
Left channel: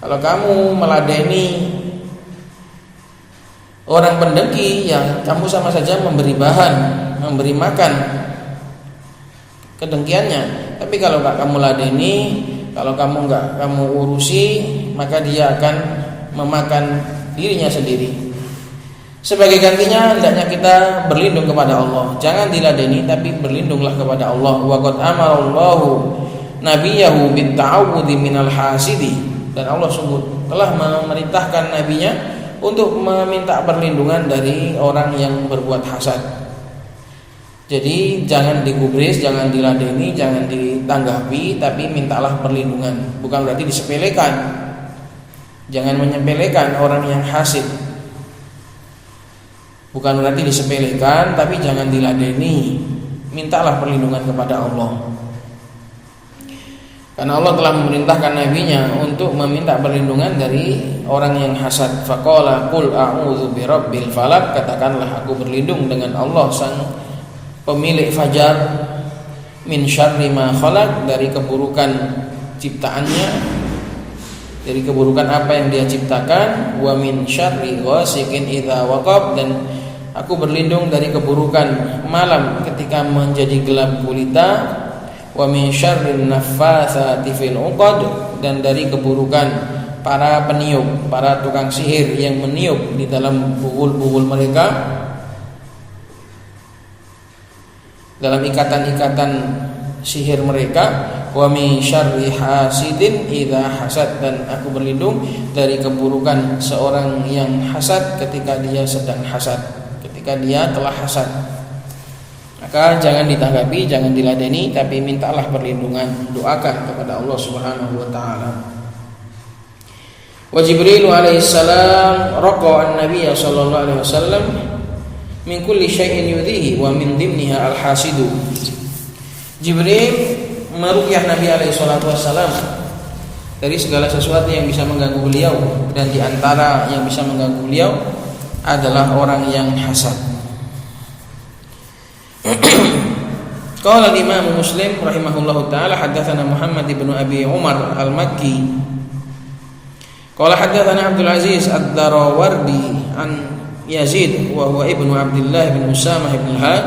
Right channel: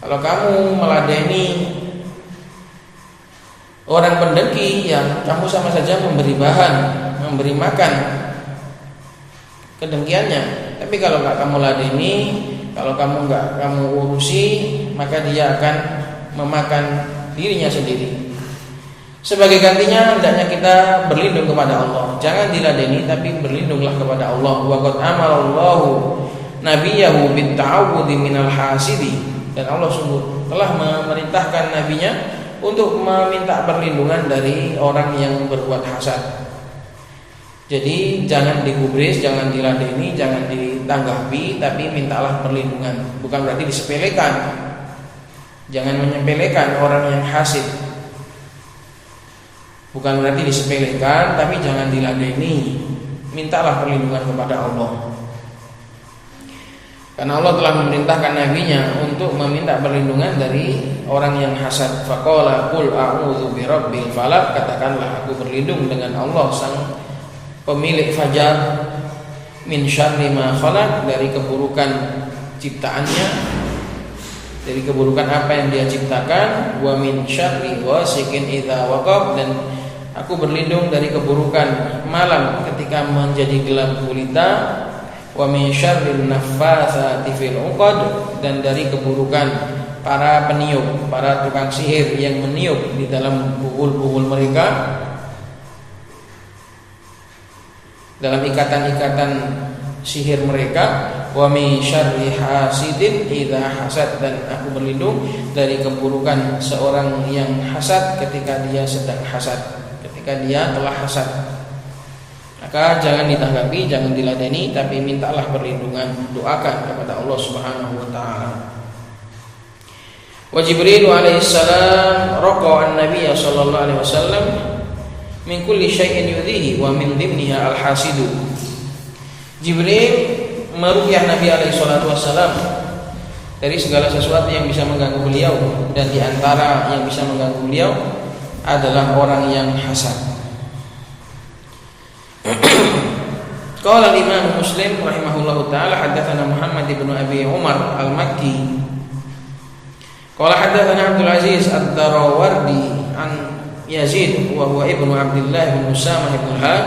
Kalau kamu meladeni orang pendengki, ya kamu sama saja memberi bahan, memberi makan kedengkiannya. Tapi kalau enggak kamu ladeni, kalau kamu enggak kamu urusi, maka dia akan memakan dirinya sendiri. Sebagai gantinya hendaknya kita berlindung kepada Allah. Jangan diladeni, tapi berlindunglah kepada Allah. Wa qad amarallahu nabiyahu bit ta'awudzi minal hasidi, dan Allah sungguh telah memerintahkan nabinya untuk meminta perlindungan dari orang yang berbuat hasad. Jadi jangan digubris, jangan diladeni, jangan ditanggapi, tapi mintalah perlindungan. Bukan berarti disepelekan. Jangan menyepelekan orang yang hasid. Bukan berarti disepelekan, tapi jangan diladeni. Mintalah perlindungan kepada Allah. Karena Allah telah memerintahkan nabinya untuk meminta perlindungan dari orang yang hasad. Faqala qul a'udzu birabbil falaq, katakanlah aku berlindung dengan Allah sang pemilik fajar, min syarri ma khalaq, dari keburukan ciptaannya, dari keburukan apa yang dia ciptakan, wa min syarri ghasiqin idza waqab, dan aku berlindung dari keburukan malam ketika menjadi gelap gulita, wa min syarrin naffatsati fil 'uqad, dan dari keburukan para peniup, para tukang sihir yang meniup di dalam buhul-buhul mereka, dalam ikatan-ikatan sihir mereka, wa min syarri hasidin idza hasad, dan aku berlindung dari keburukan seorang yang hasad ketika dia sedang hasad, ketika dia telah hasad. Maka jangan ditanggapi, jangan diladeni, tapi mintalah perlindungan, doakan kepada Allah Subhanahu wa taala. Wa Jibril alaihi salam raqa an-nabiy sallallahu alaihi wasallam min kulli syai'in yudhihi wa min dimniha al-hasidu. Jibril meruqyah Nabi alaihi salatu wasallam dari segala sesuatu yang bisa mengganggu beliau, dan di antara yang bisa mengganggu beliau adalah orang yang hasad. Qala Imam Muslim rahimahullahu taala hadatsana Muhammad ibn Abi Umar al-Makki qala hadatsana Abdul Aziz ad-Darawardi an Yazid wa huwa ibnu Abdullah bin Usamah bin Had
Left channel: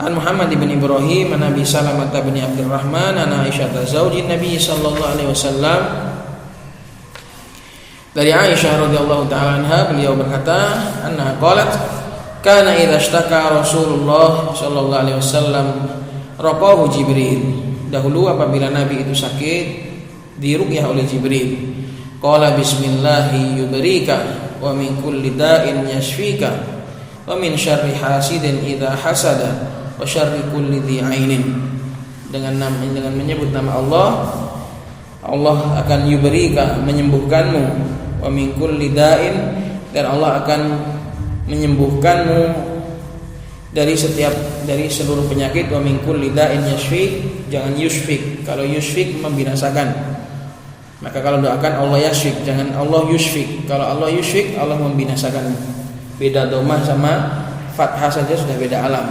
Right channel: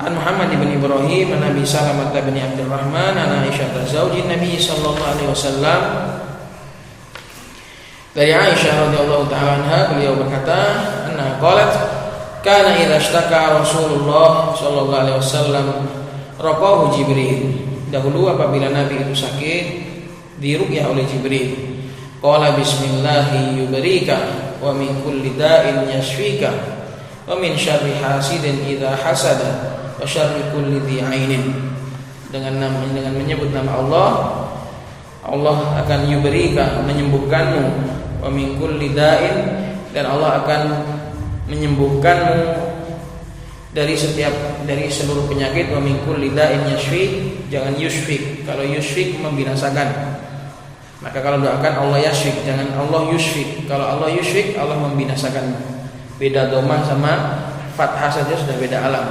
an Muhammad bin Ibrahim an Abi Salamah bin Abdurrahman an Aisyah zaujin Nabi sallallahu alaihi wasallam. Dari Aisyah radhiyallahu taala anha, beliau berkata, anna qalat kana idza ishtaka Rasulullah sallallahu alaihi wasallam raqahu Jibril. Dahulu apabila Nabi itu sakit, diruqyah oleh Jibril. Qala bismillahi yubrika wa min kulli da'in yashfika wa min syarri hasidin idza hasada wa syarri kulli dhi ainin. Dengan menyebut nama Allah, Allah akan yubrika, menyembuhkanmu, wa min kulli da'in, dan Allah akan menyembuhkanmu dari seluruh penyakit. Wa min kulli da'in yashfik, jangan yushfik. Kalau yushfik membinasakan, maka kalau doakan Allah yashfik, jangan Allah yushfik. Kalau Allah yushfik, Allah membinasakan. Beda domah sama fathah saja sudah beda alam.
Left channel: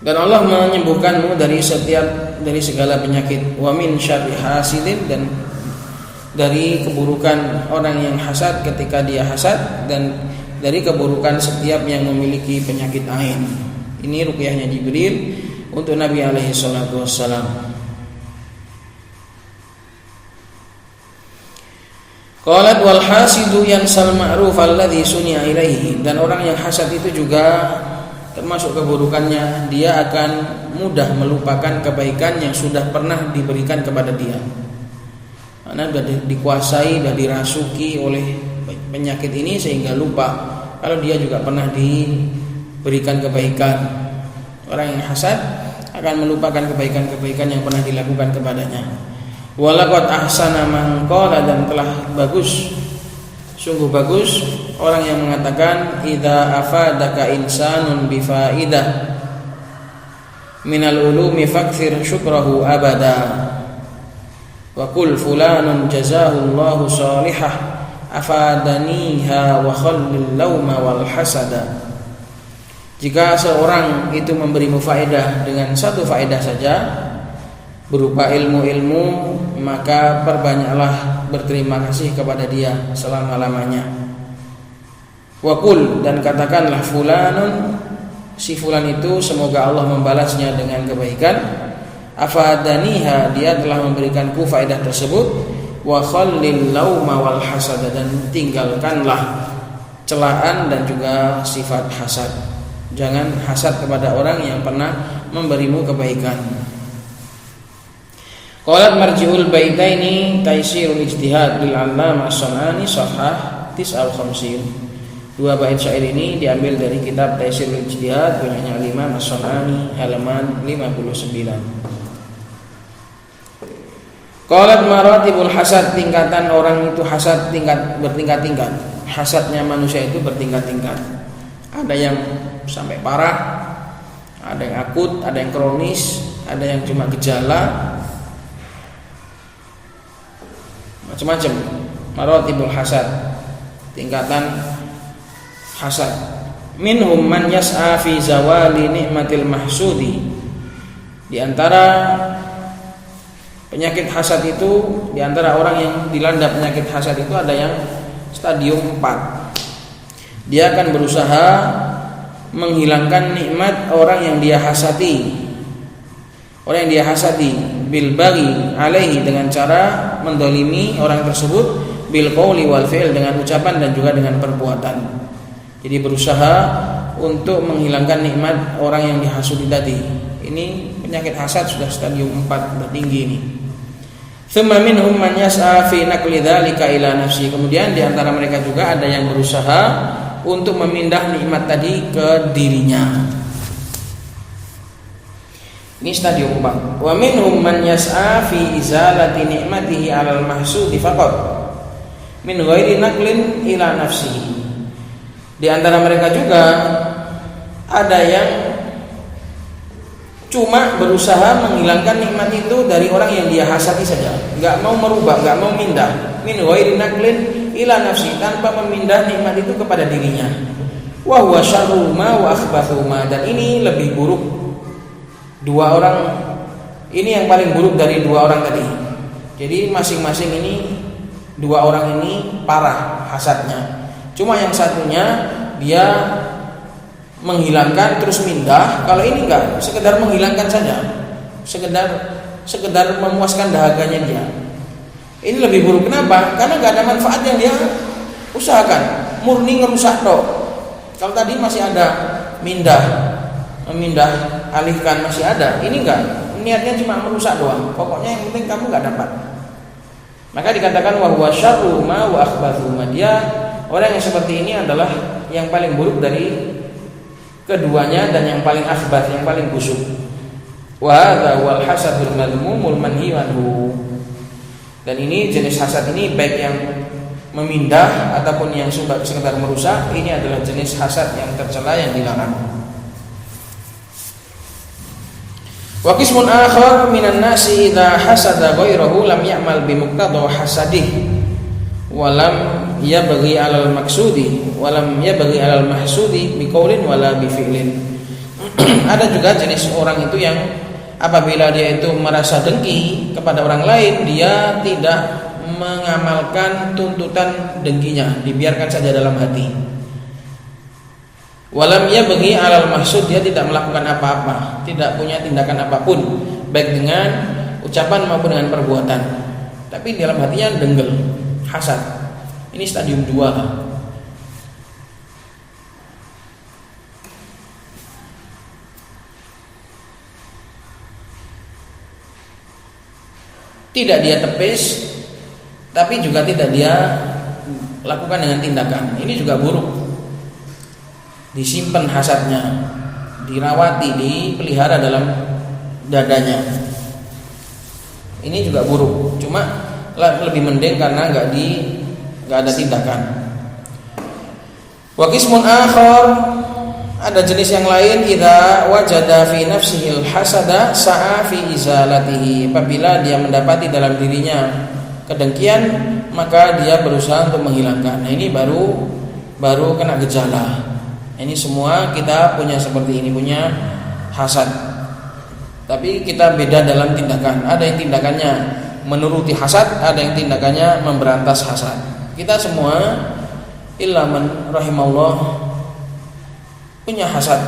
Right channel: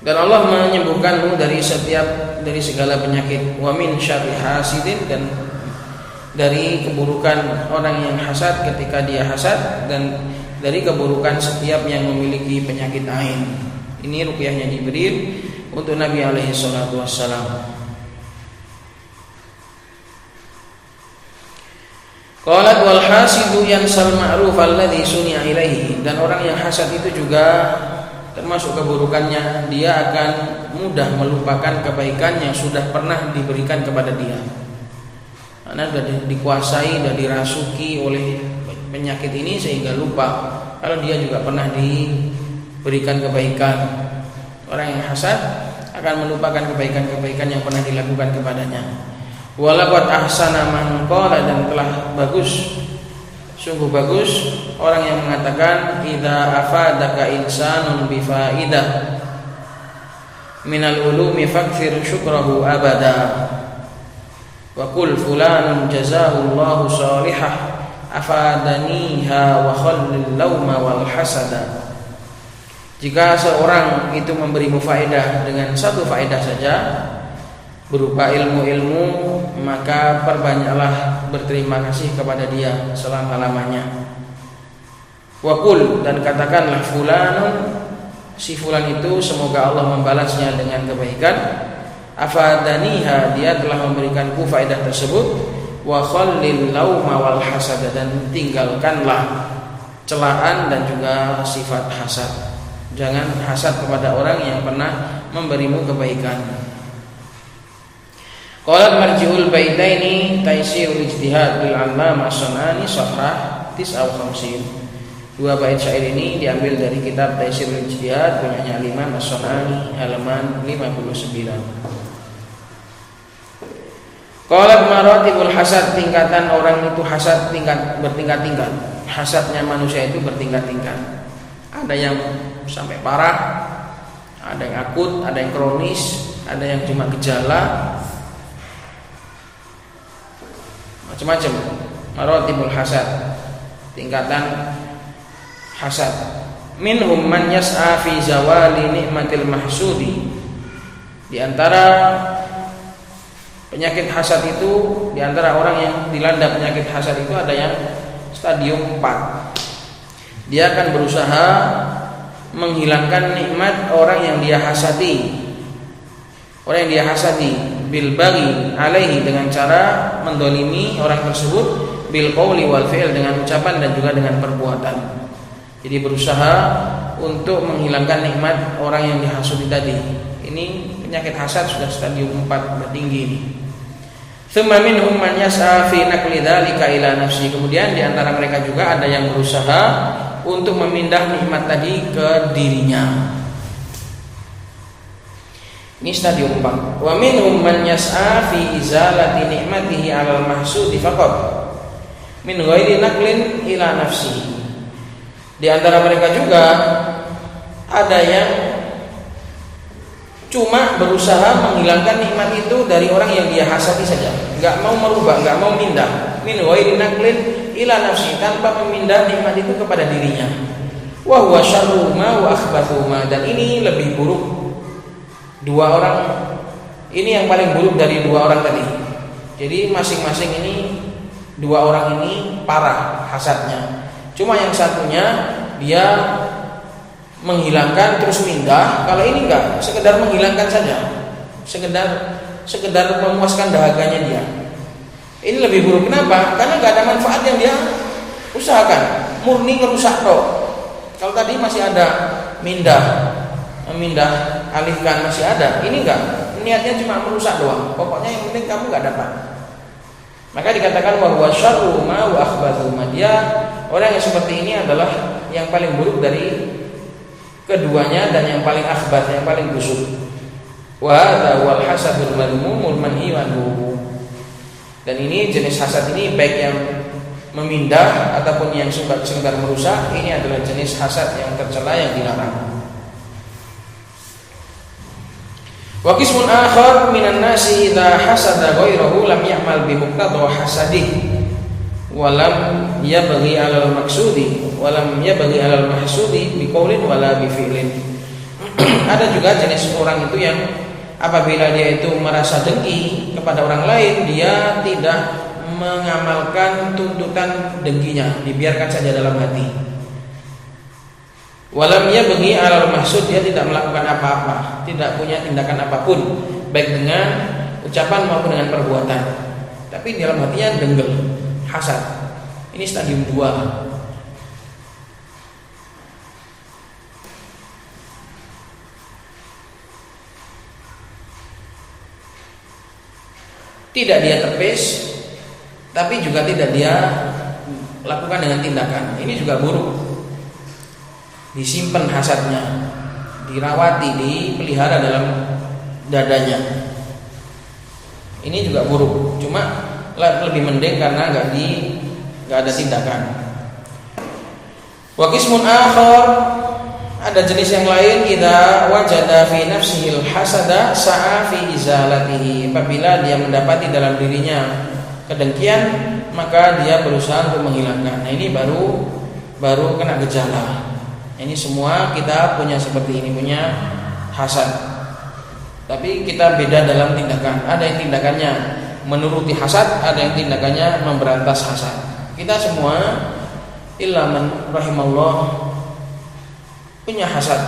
Dan Allah menyembuhkanmu dari segala penyakit. Wa min syarri hasidin, dan dari keburukan orang yang hasad ketika dia hasad, dan dari keburukan setiap yang memiliki penyakit ain. Ini ruqyahnya Jibril untuk Nabi alaihi salatu wassalam. Qalat wal hasidu yansal ma'ruf alladhi suni'a ilaihi, dan orang yang hasad itu juga termasuk keburukannya, dia akan mudah melupakan kebaikan yang sudah pernah diberikan kepada dia. Karena sudah dikuasai dan dirasuki oleh penyakit ini sehingga lupa kalau dia juga pernah diberikan kebaikan. Orang yang hasad akan melupakan kebaikan-kebaikan yang pernah dilakukan kepadanya. Walaqad ahsana man qala, dan telah bagus, sungguh bagus orang yang mengatakan idza afadaka insanun bi faidah minal ulumi fakthir syukrahu abada. Wa qul fulanun jazahullahu salihah afadaniha wa khallil lauma wal hasada. Jika seorang itu memberimu faedah dengan satu faedah saja berupa ilmu-ilmu, maka perbanyaklah berterima kasih kepada dia selama-lamanya. Wa qul, dan katakanlah fulanun, si fulan itu semoga Allah membalasnya dengan kebaikan. Afadaniha, dia telah memberikanku faedah tersebut. Wa khallil lauma wal hasada, dan tinggalkanlah celaan dan juga sifat hasad. Jangan hasad kepada orang yang pernah memberimu kebaikan. Qalat marji'ul baitaini taisirul ijtihad bil Ammam as-Sanani safhah 59. Dua bait syair ini diambil dari kitab Taisirul Ijtihad punyanya Imam As-San'ani halaman 59. Qalat maratibul hasad, tingkatan orang itu hasad bertingkat-tingkat. Hasadnya manusia itu bertingkat-tingkat. Ada yang sampai parah, ada yang akut, ada yang kronis, ada yang cuma gejala, macam-macam. Maratibul hasad, tingkatan hasad. Minhum man yas'a fi zawali nikmatil mahsudi. Di antara penyakit hasad itu, di antara orang yang dilanda penyakit hasad itu ada yang stadium 4. Dia akan berusaha menghilangkan nikmat orang yang dia hasadi. Orang yang dia hasadi bil baghi alaihi, dengan cara mendolimi orang tersebut, bil qauli wal fi'l, dengan ucapan dan juga dengan perbuatan. Jadi berusaha untuk menghilangkan nikmat orang yang dihasudi tadi. Ini penyakit hasad sudah stadium 4, bertinggi ini. Tsumma minhum man yas'a fi naqli dzalika ila nafsi. Kemudian di antara mereka juga ada yang berusaha untuk memindah nikmat tadi ke dirinya. Ini stadium 4. Wa minhum man yas'a fi izalati nikmatihi 'alal mahsudi faqat min ghairi naqlin ila nafsihi. Di antara mereka juga ada yang cuma berusaha menghilangkan nikmat itu dari orang yang dia hasadi saja, nggak mau merubah, nggak mau mindah. Min ghairi naqlin ila nafsi, tanpa memindah nikmat itu kepada dirinya. Wa huwa syarru ma wa akhbathu ma, dan ini lebih buruk. Dua orang ini yang paling buruk dari dua orang tadi. Jadi masing-masing ini, dua orang ini parah hasadnya. Cuma yang satunya dia menghilangkan terus mindah. Kalau ini enggak, sekedar menghilangkan saja, sekedar memuaskan dahaganya dia. Ini lebih buruk. Kenapa? Karena enggak ada manfaat yang dia usahakan, murni ngerusak dok. Kalau tadi masih ada memindah, alihkan masih ada. Ini enggak, niatnya cuma merusak doang. Pokoknya yang penting kamu enggak dapat. Maka dikatakan bahwa syarru ma wa akhbathu ma, dia orang yang seperti ini adalah yang paling buruk dari keduanya dan yang paling akhbath, yang paling busuk. Wa hadza wal hasadul madhmumul manhi anhu. Dan ini jenis hasad ini, baik yang memindah ataupun yang sekedar merusak, ini adalah jenis hasad yang tercela, yang dilarang. Wa qismun akhar minan nasi idza hasada ghairahu lam ya'mal bi muqtada hasadih wa lam yabghi 'alal maqsudi wa lam yabghi 'alal mahsudi bi qaulin wala bi fi'lin. Ada juga jenis orang itu yang apabila dia itu merasa dengki kepada orang lain, dia tidak mengamalkan tuntutan dengkinya, dibiarkan saja dalam hati. Walam yabghi 'alal mahsud, dia tidak melakukan apa-apa, tidak punya tindakan apapun, baik dengan ucapan maupun dengan perbuatan, tapi dalam hatinya denggel, hasad. Ini stadium 2. Tidak dia tepis, tapi juga tidak dia lakukan dengan tindakan. Ini juga buruk. Disimpan hasadnya, dirawati, dipelihara dalam dadanya. Ini juga buruk. Cuma lebih mending karena nggak ada tindakan. Wa qismun akhar, ada jenis yang lain, idza wajada fi nafsihi al-hasada sa'a fi izalatihi. Apabila dia mendapati dalam dirinya kedengkian, maka dia berusaha untuk menghilangkan. Nah, ini baru kena gejala. Ini semua kita punya seperti ini, punya hasad. Tapi kita beda dalam tindakan. Ada yang tindakannya menuruti hasad, ada yang tindakannya memberantas hasad. Kita semua illa man rahimallah punya hasad.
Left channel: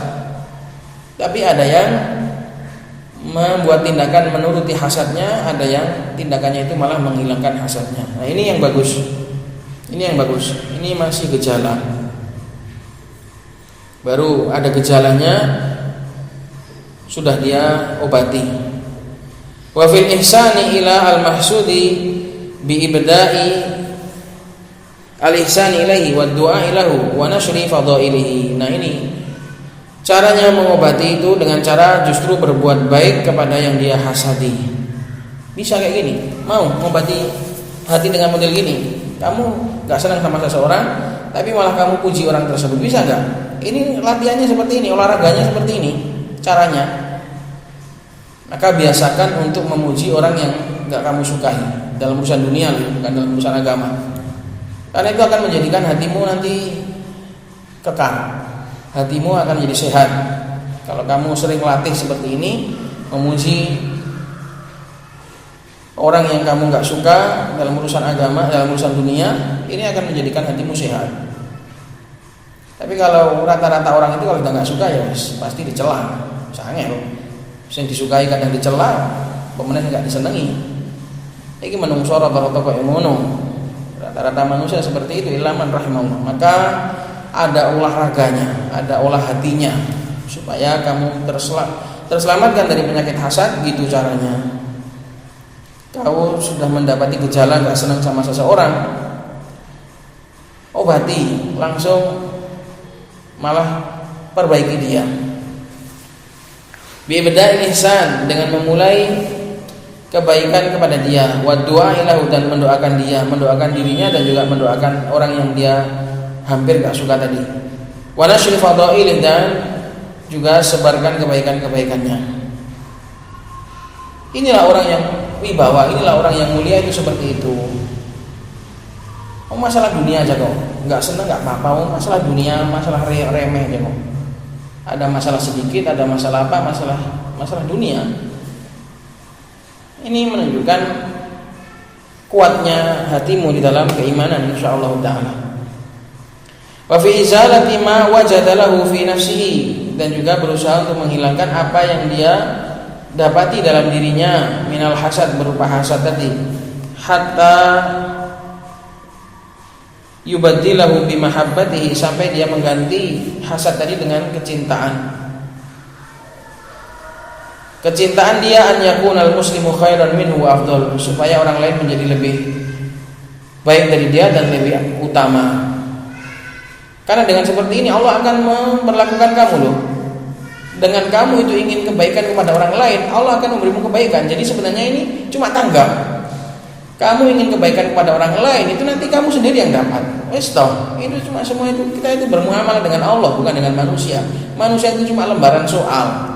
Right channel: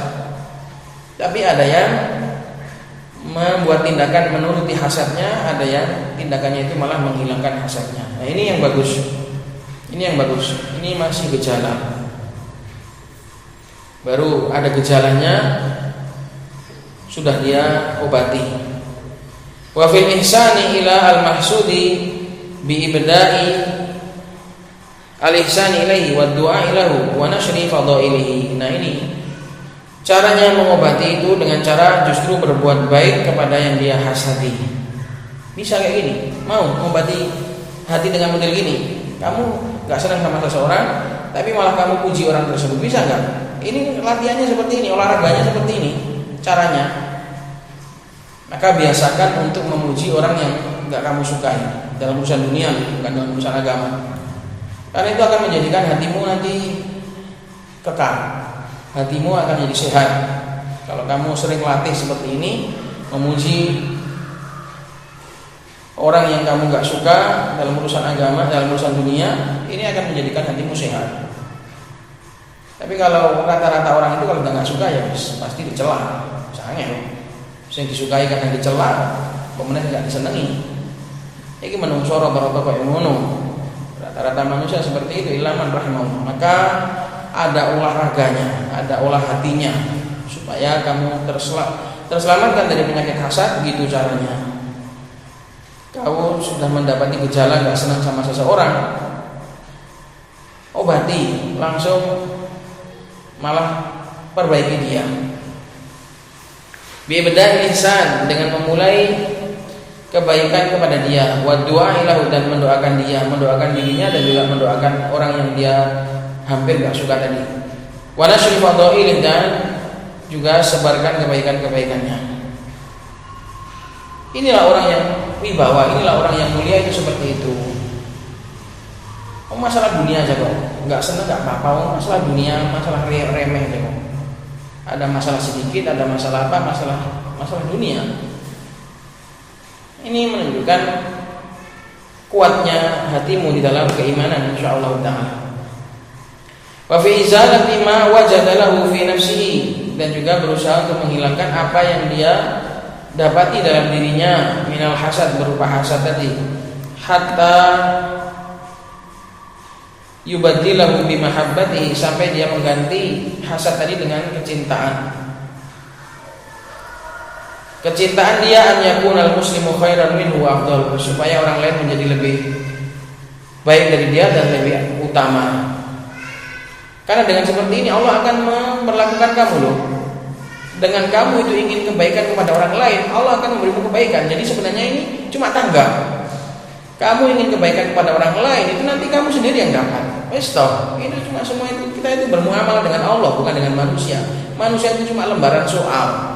Tapi ada yang membuat tindakan menuruti hasadnya, ada yang tindakannya itu malah menghilangkan hasadnya. Nah, ini yang bagus. Ini yang bagus. Ini masih gejala. Baru ada gejalanya, sudah dia obati. Wa fil ihsani ila al mahsudi bi ibda'i al-ihsan ilaihi wa du'a ilahu wa nashri fadailihi. Nah, ini caranya mengobati itu dengan cara justru berbuat baik kepada yang dia hasadi. Bisa kayak gini, mau mengobati hati dengan model gini. Kamu gak senang sama seseorang, tapi malah kamu puji orang tersebut, bisa gak? Ini latihannya seperti ini, olahraganya seperti ini caranya. Maka biasakan untuk memuji orang yang gak kamu sukai dalam urusan dunia, bukan dalam urusan agama. Karena itu akan menjadikan hatimu nanti kekal, hatimu akan jadi sehat. Kalau kamu sering latih seperti ini, memuji orang yang kamu gak suka dalam urusan agama, dalam urusan dunia, ini akan menjadikan hatimu sehat. Tapi kalau rata-rata orang itu kalau gak suka ya pasti dicela, jangan. Yang disukai kadang dicela, kemudian gak disenangi. Ini menungso rata-rata ilmu. Rata-rata manusia seperti itu, ilaman rahimahullah. Maka ada olahraganya, ada olah hatinya supaya kamu terselamatkan dari penyakit hasad. Gitu caranya. Kau sudah mendapati gejala gak senang sama seseorang, obati langsung, malah perbaiki dia. Bi'ibda'il ihsan, dengan memulai kebaikan kepada dia, wa du'a ilahu, dan mendoakan dia, mendoakan dirinya dan juga mendoakan orang yang dia hampir gak suka tadi. Wa nashri fadailih, dan juga sebarkan kebaikan-kebaikannya. Inilah orang yang wibawa, inilah orang yang mulia, itu seperti itu. Masalah dunia aja kok nggak seneng, nggak apa-apa. Masalah dunia, masalah remeh aja kok. Ada masalah sedikit, ada masalah apa, masalah dunia. Ini menunjukkan kuatnya hatimu di dalam keimanan, insyaallah taala. Wa fi izalati ma wajadalahu fi nafsihi, dan juga berusaha untuk menghilangkan apa yang dia dapati dalam dirinya minal hasad, berupa hasad tadi, hatta yubaddilahu bimahabbatihi, sampai dia mengganti hasad tadi dengan kecintaan. Kecintaan dia an yakunal muslimu khairan minhu wa afdal, supaya orang lain menjadi lebih baik dari dia dan lebih utama. Karena dengan seperti ini Allah akan memperlakukan kamu loh. Dengan kamu itu ingin kebaikan kepada orang lain, Allah akan memberimu kebaikan. Jadi sebenarnya ini cuma tanggap. Kamu ingin kebaikan kepada orang lain, itu nanti kamu sendiri yang dapat. Itu cuma semua itu, kita itu bermuamalah dengan Allah, bukan dengan manusia. Manusia itu cuma lembaran soal.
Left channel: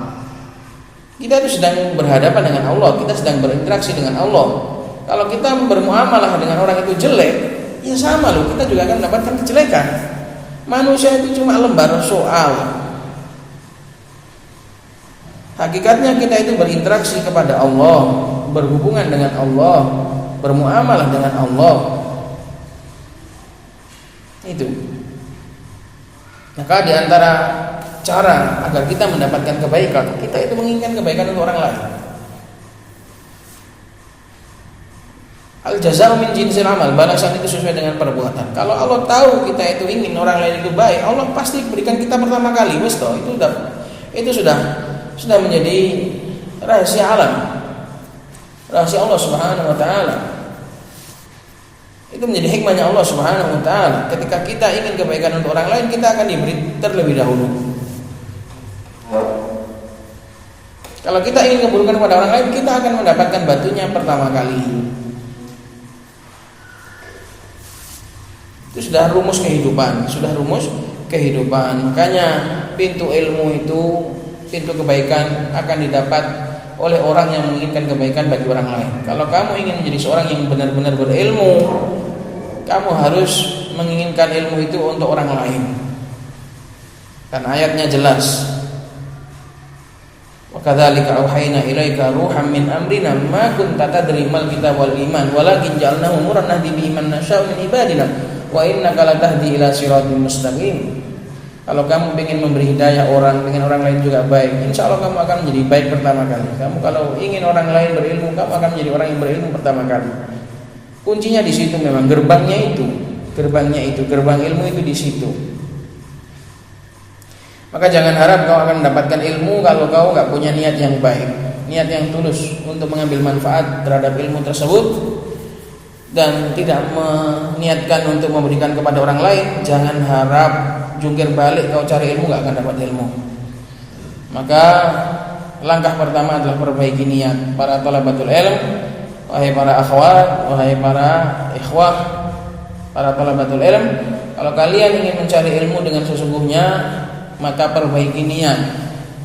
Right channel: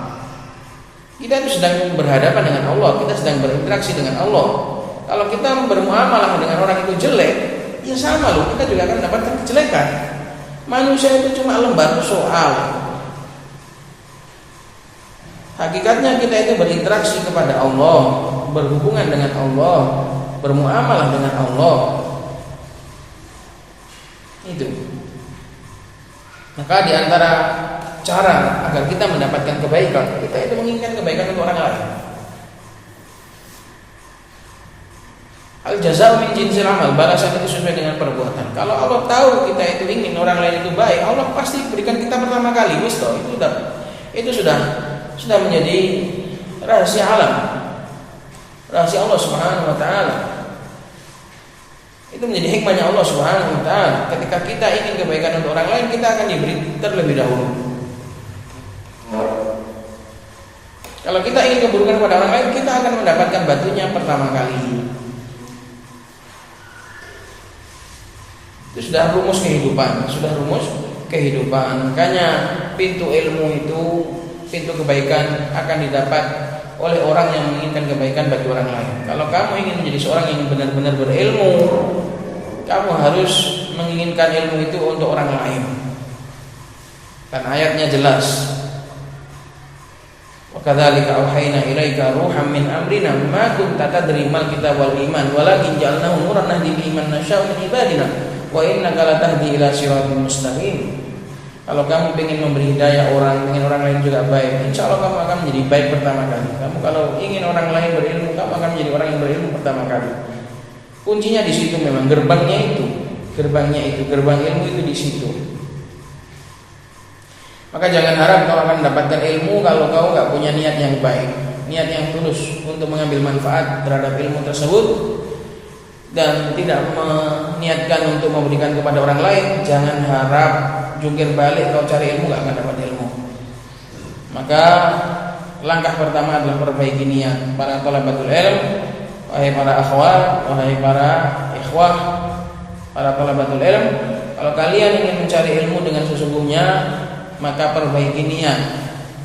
Kita itu sedang berhadapan dengan Allah, kita sedang berinteraksi dengan Allah. Kalau kita bermuamalah dengan orang itu jelek, ya sama loh, kita juga akan mendapatkan kejelekan. Manusia itu cuma lembar soal. Hakikatnya kita itu berinteraksi kepada Allah, berhubungan dengan Allah, bermuamalah dengan Allah. Itu. Maka di antara cara agar kita mendapatkan kebaikan, kita itu menginginkan kebaikan untuk orang lain. Al-jazaa min jinsil amal, balasan itu sesuai dengan perbuatan. Kalau Allah tahu kita itu ingin orang lain itu baik, Allah pasti berikan kita pertama kali. Itu sudah menjadi rahasia alam, rahasia Allah Subhanahu wa taala. Itu menjadi hikmahnya Allah Subhanahu wa taala. Ketika kita ingin kebaikan untuk orang lain, kita akan diberi terlebih dahulu. Kalau kita ingin keburukan kepada orang lain, kita akan mendapatkan batunya pertama kali. Itu sudah rumus kehidupan. Makanya pintu ilmu itu, pintu kebaikan akan didapat oleh orang yang menginginkan kebaikan bagi orang lain. Kalau kamu ingin menjadi seorang yang benar-benar berilmu, kamu harus menginginkan ilmu itu untuk orang lain. Dan ayatnya jelas. Wa kadzalika auhayna ilaika ruham min amrina ma kunta tadri mal kitab wal iman walakin ja'alnahu nuran nahdi bihi man nasya'u min ibadina wa innaka latahdi ila siratal mustaqim. Kalau kamu ingin memberi hidayah orang, ingin orang lain juga baik, insya Allah kamu akan menjadi baik pertama kali. Kamu kalau ingin orang lain berilmu, kamu akan menjadi orang yang berilmu pertama kali. Kuncinya di situ, memang gerbang ilmu itu di situ. Maka jangan harap kau akan mendapatkan ilmu kalau kau nggak punya niat yang baik, niat yang tulus untuk mengambil manfaat terhadap ilmu tersebut dan tidak niatkan untuk memberikan kepada orang lain, jangan harap jungkir balik kau cari ilmu gak akan dapat ilmu. Maka langkah pertama adalah perbaiki niat. Para talabatul ilm, wahai para akhwat, wahai para ikhwah, para talabatul ilm, kalau kalian ingin mencari ilmu dengan sesungguhnya, maka perbaiki niat.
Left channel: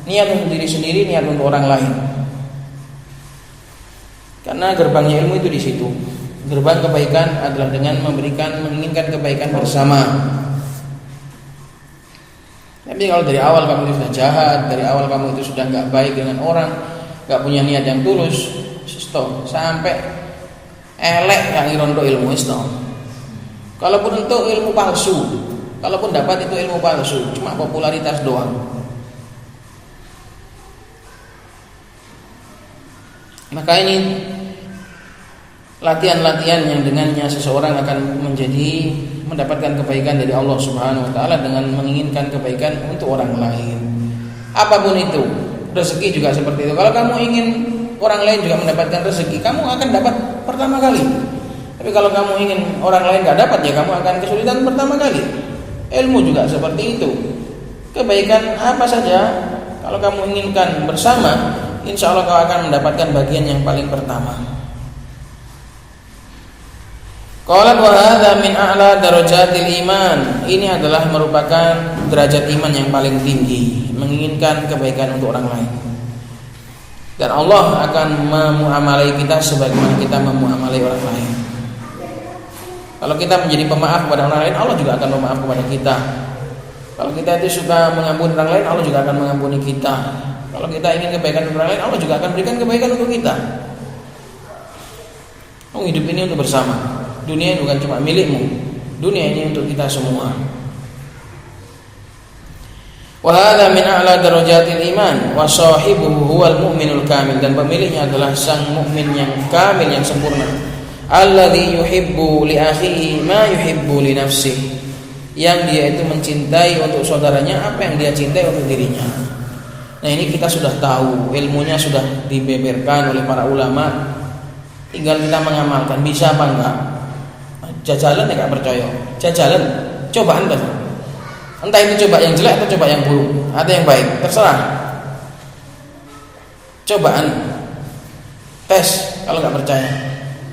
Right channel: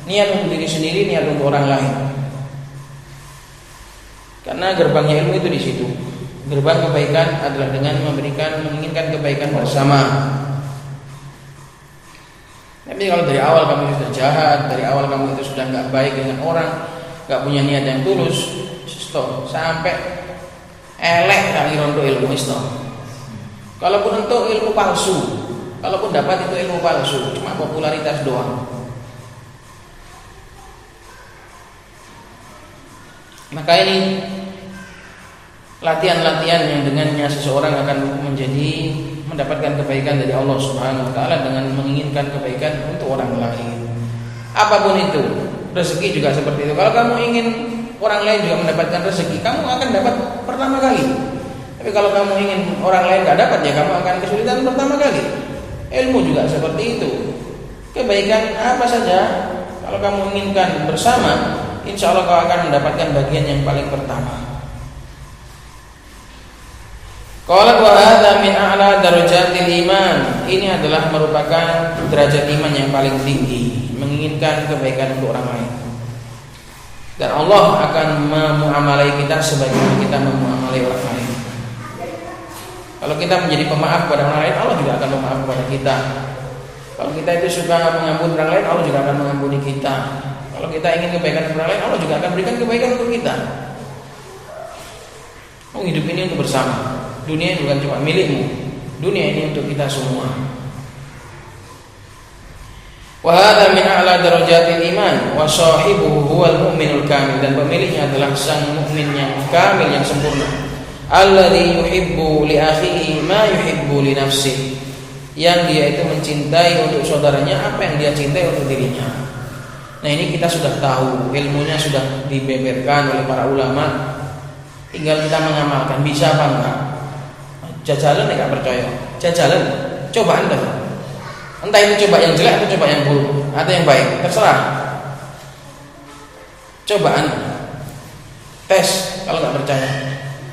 Niat untuk diri sendiri, niat untuk orang lain. Karena gerbangnya ilmu itu di situ. Gerbang kebaikan adalah dengan menginginkan kebaikan bersama. Tapi kalau dari awal kamu itu sudah jahat, dari awal kamu itu sudah nggak baik dengan orang, nggak punya niat yang tulus, stop. Sampai elek yang irondo ilmu stop. Kalaupun untuk ilmu palsu, kalaupun dapat itu ilmu palsu, cuma popularitas doang. Maka ini latihan-latihan yang dengannya seseorang akan mendapatkan kebaikan dari Allah Subhanahu wa taala dengan menginginkan kebaikan untuk orang lain. Apapun itu, rezeki juga seperti itu. Kalau kamu ingin orang lain juga mendapatkan rezeki, kamu akan dapat pertama kali. Tapi kalau kamu ingin orang lain enggak dapat, ya kamu akan kesulitan pertama kali. Ilmu juga seperti itu. Kebaikan apa saja kalau kamu inginkan bersama, insya Allah kau akan mendapatkan bagian yang paling pertama. Qala wa hadza min a'la darajatil iman. Ini adalah merupakan derajat iman yang paling tinggi, menginginkan kebaikan untuk orang lain. Dan Allah akan memuamalai kita sebagaimana kita memuamalai orang lain. Kalau kita menjadi pemaaf kepada orang lain, Allah juga akan memaaf kepada kita. Kalau kita itu suka mengampuni orang lain, Allah juga akan mengampuni kita. Kalau kita ingin kebaikan untuk orang lain, Allah juga akan berikan kebaikan untuk kita. Hidup ini untuk bersama. Dunia bukan cuma milikmu, dunia ini untuk kita semua. Wa hadza min a'la darajatil iman wa sahibuhu huwal mu'minul kamil, dan pemiliknya adalah sang mukmin yang kamil, yang sempurna. Alladzi yuhibbu li akhihi ma yuhibbu li nafsihi, yang dia itu mencintai untuk saudaranya apa yang dia cintai untuk dirinya. Nah, ini kita sudah tahu, ilmunya sudah dibeberkan oleh para ulama, tinggal kita mengamalkan. Bisa apa enggak? Jajalan enggak percaya, jajalan, cobaan dah. Entah itu coba yang jelek atau coba yang buruk, ada yang baik, terserah. Cobaan, tes. Kalau enggak percaya,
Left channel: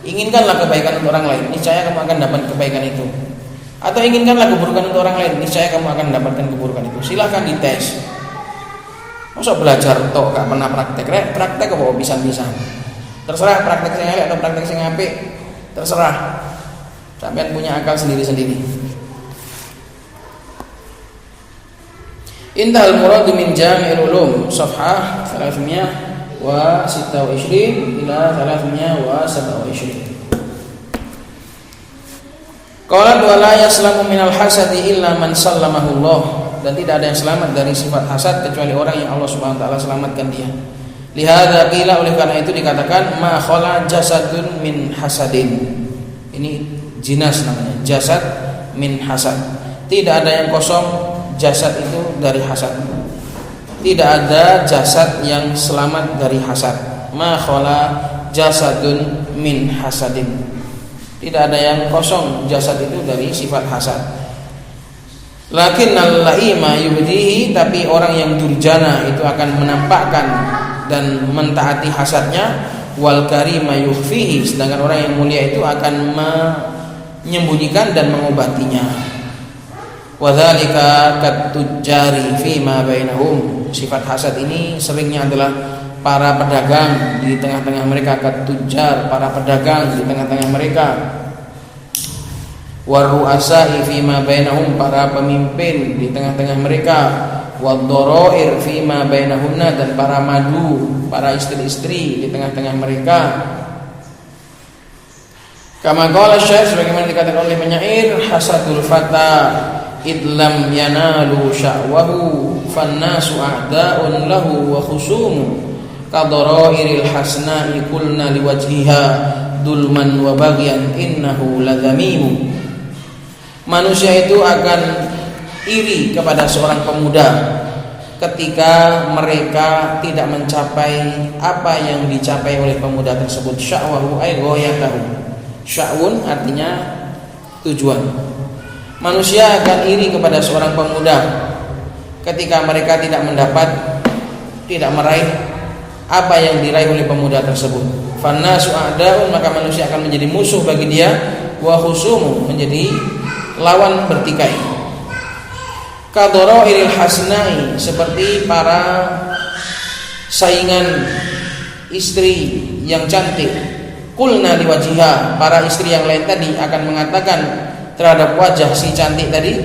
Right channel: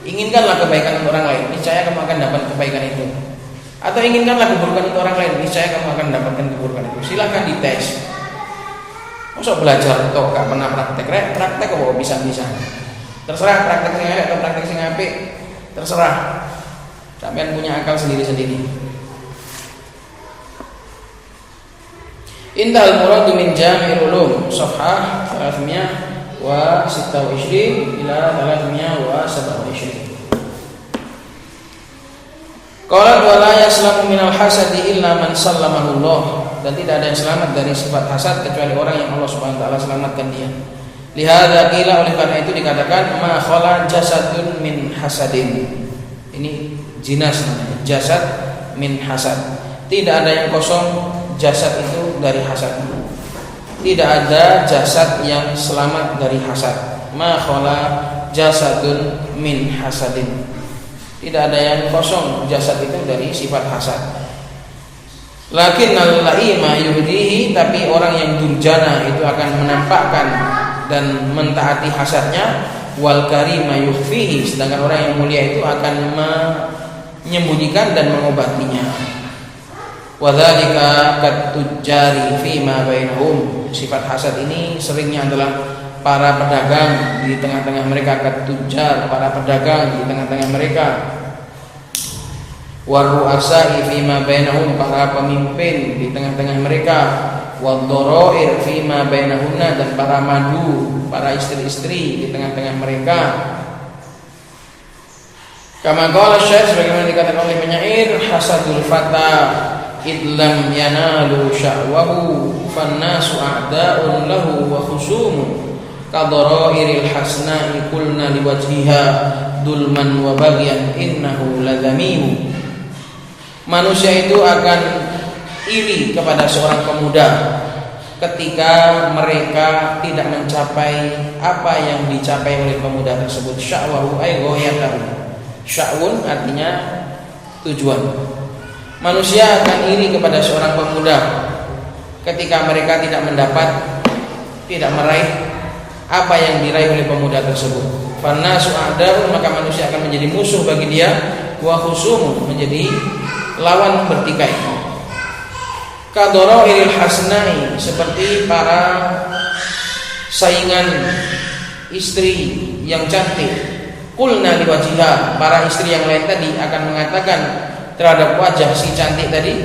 inginkanlah kebaikan untuk orang lain, niscaya kamu akan dapat kebaikan itu. Atau inginkanlah keburukan untuk orang lain, niscaya kamu akan mendapatkan keburukan itu. Silakan dites. Masa belajar atau gak pernah praktek, praktek kok bisa-bisa. Terserah praktek sing elek atau praktek sing apik, terserah. Sampeyan punya akal sendiri-sendiri. Intahal murad min Jami'ul Ulum, safhah 326 ila 327. Qala wa la yaslamu minal hasadi illa man sallamahu Allah, dan tidak ada yang selamat dari sifat hasad kecuali orang yang Allah Subhanahu wa taala selamatkan dia. Lihadza qila, oleh karena itu dikatakan ma khala jasadun min hasadin. Ini jinas namanya, jasad min hasad. Tidak ada yang kosong jasad itu dari hasad. Tidak ada jasad yang selamat dari hasad. Ma khala jasadun min hasadin. Tidak ada yang kosong jasad itu dari sifat hasad. Lakin al-laima yubdihi, tapi orang yang durjana itu akan menampakkan dan mentaati hasadnya. Wal karima yukhfihi, sedangkan orang yang mulia itu akan menyembunyikan dan mengobatinya. Wa dzalika kat-tujjari fi ma bainahum. Sifat hasad ini seringnya adalah para pedagang di tengah-tengah mereka, kat-tujjar, para pedagang di tengah-tengah mereka. Wa ru'asai fi ma bainahum, para pemimpin di tengah-tengah mereka. Wadh-dharair fi ma bainahunna, dan para madu, para istri-istri di tengah-tengah mereka. Kama qala Syekh, sebagaimana dikatakan oleh penyair, hasadul fata idlam yanalu syahwahu fannasu a'da'un lahu wa khusumu kadharairil hasna'i kulna liwajhiha dulman wa baghyan innahu ladzamimu. Manusia itu akan iri kepada seorang pemuda ketika mereka tidak mencapai apa yang dicapai oleh pemuda tersebut. Sya'wahu ay ghayatahu. Sya'wun artinya tujuan. Manusia akan iri kepada seorang pemuda ketika mereka tidak meraih apa yang diraih oleh pemuda tersebut. Fannasu a'da'un, maka manusia akan menjadi musuh bagi dia, wa khusumun, menjadi lawan bertikai. Kadharairil hasnai, seperti para saingan istri yang cantik. Qulna liwajiha, para istri yang lain tadi akan mengatakan terhadap wajah si cantik tadi,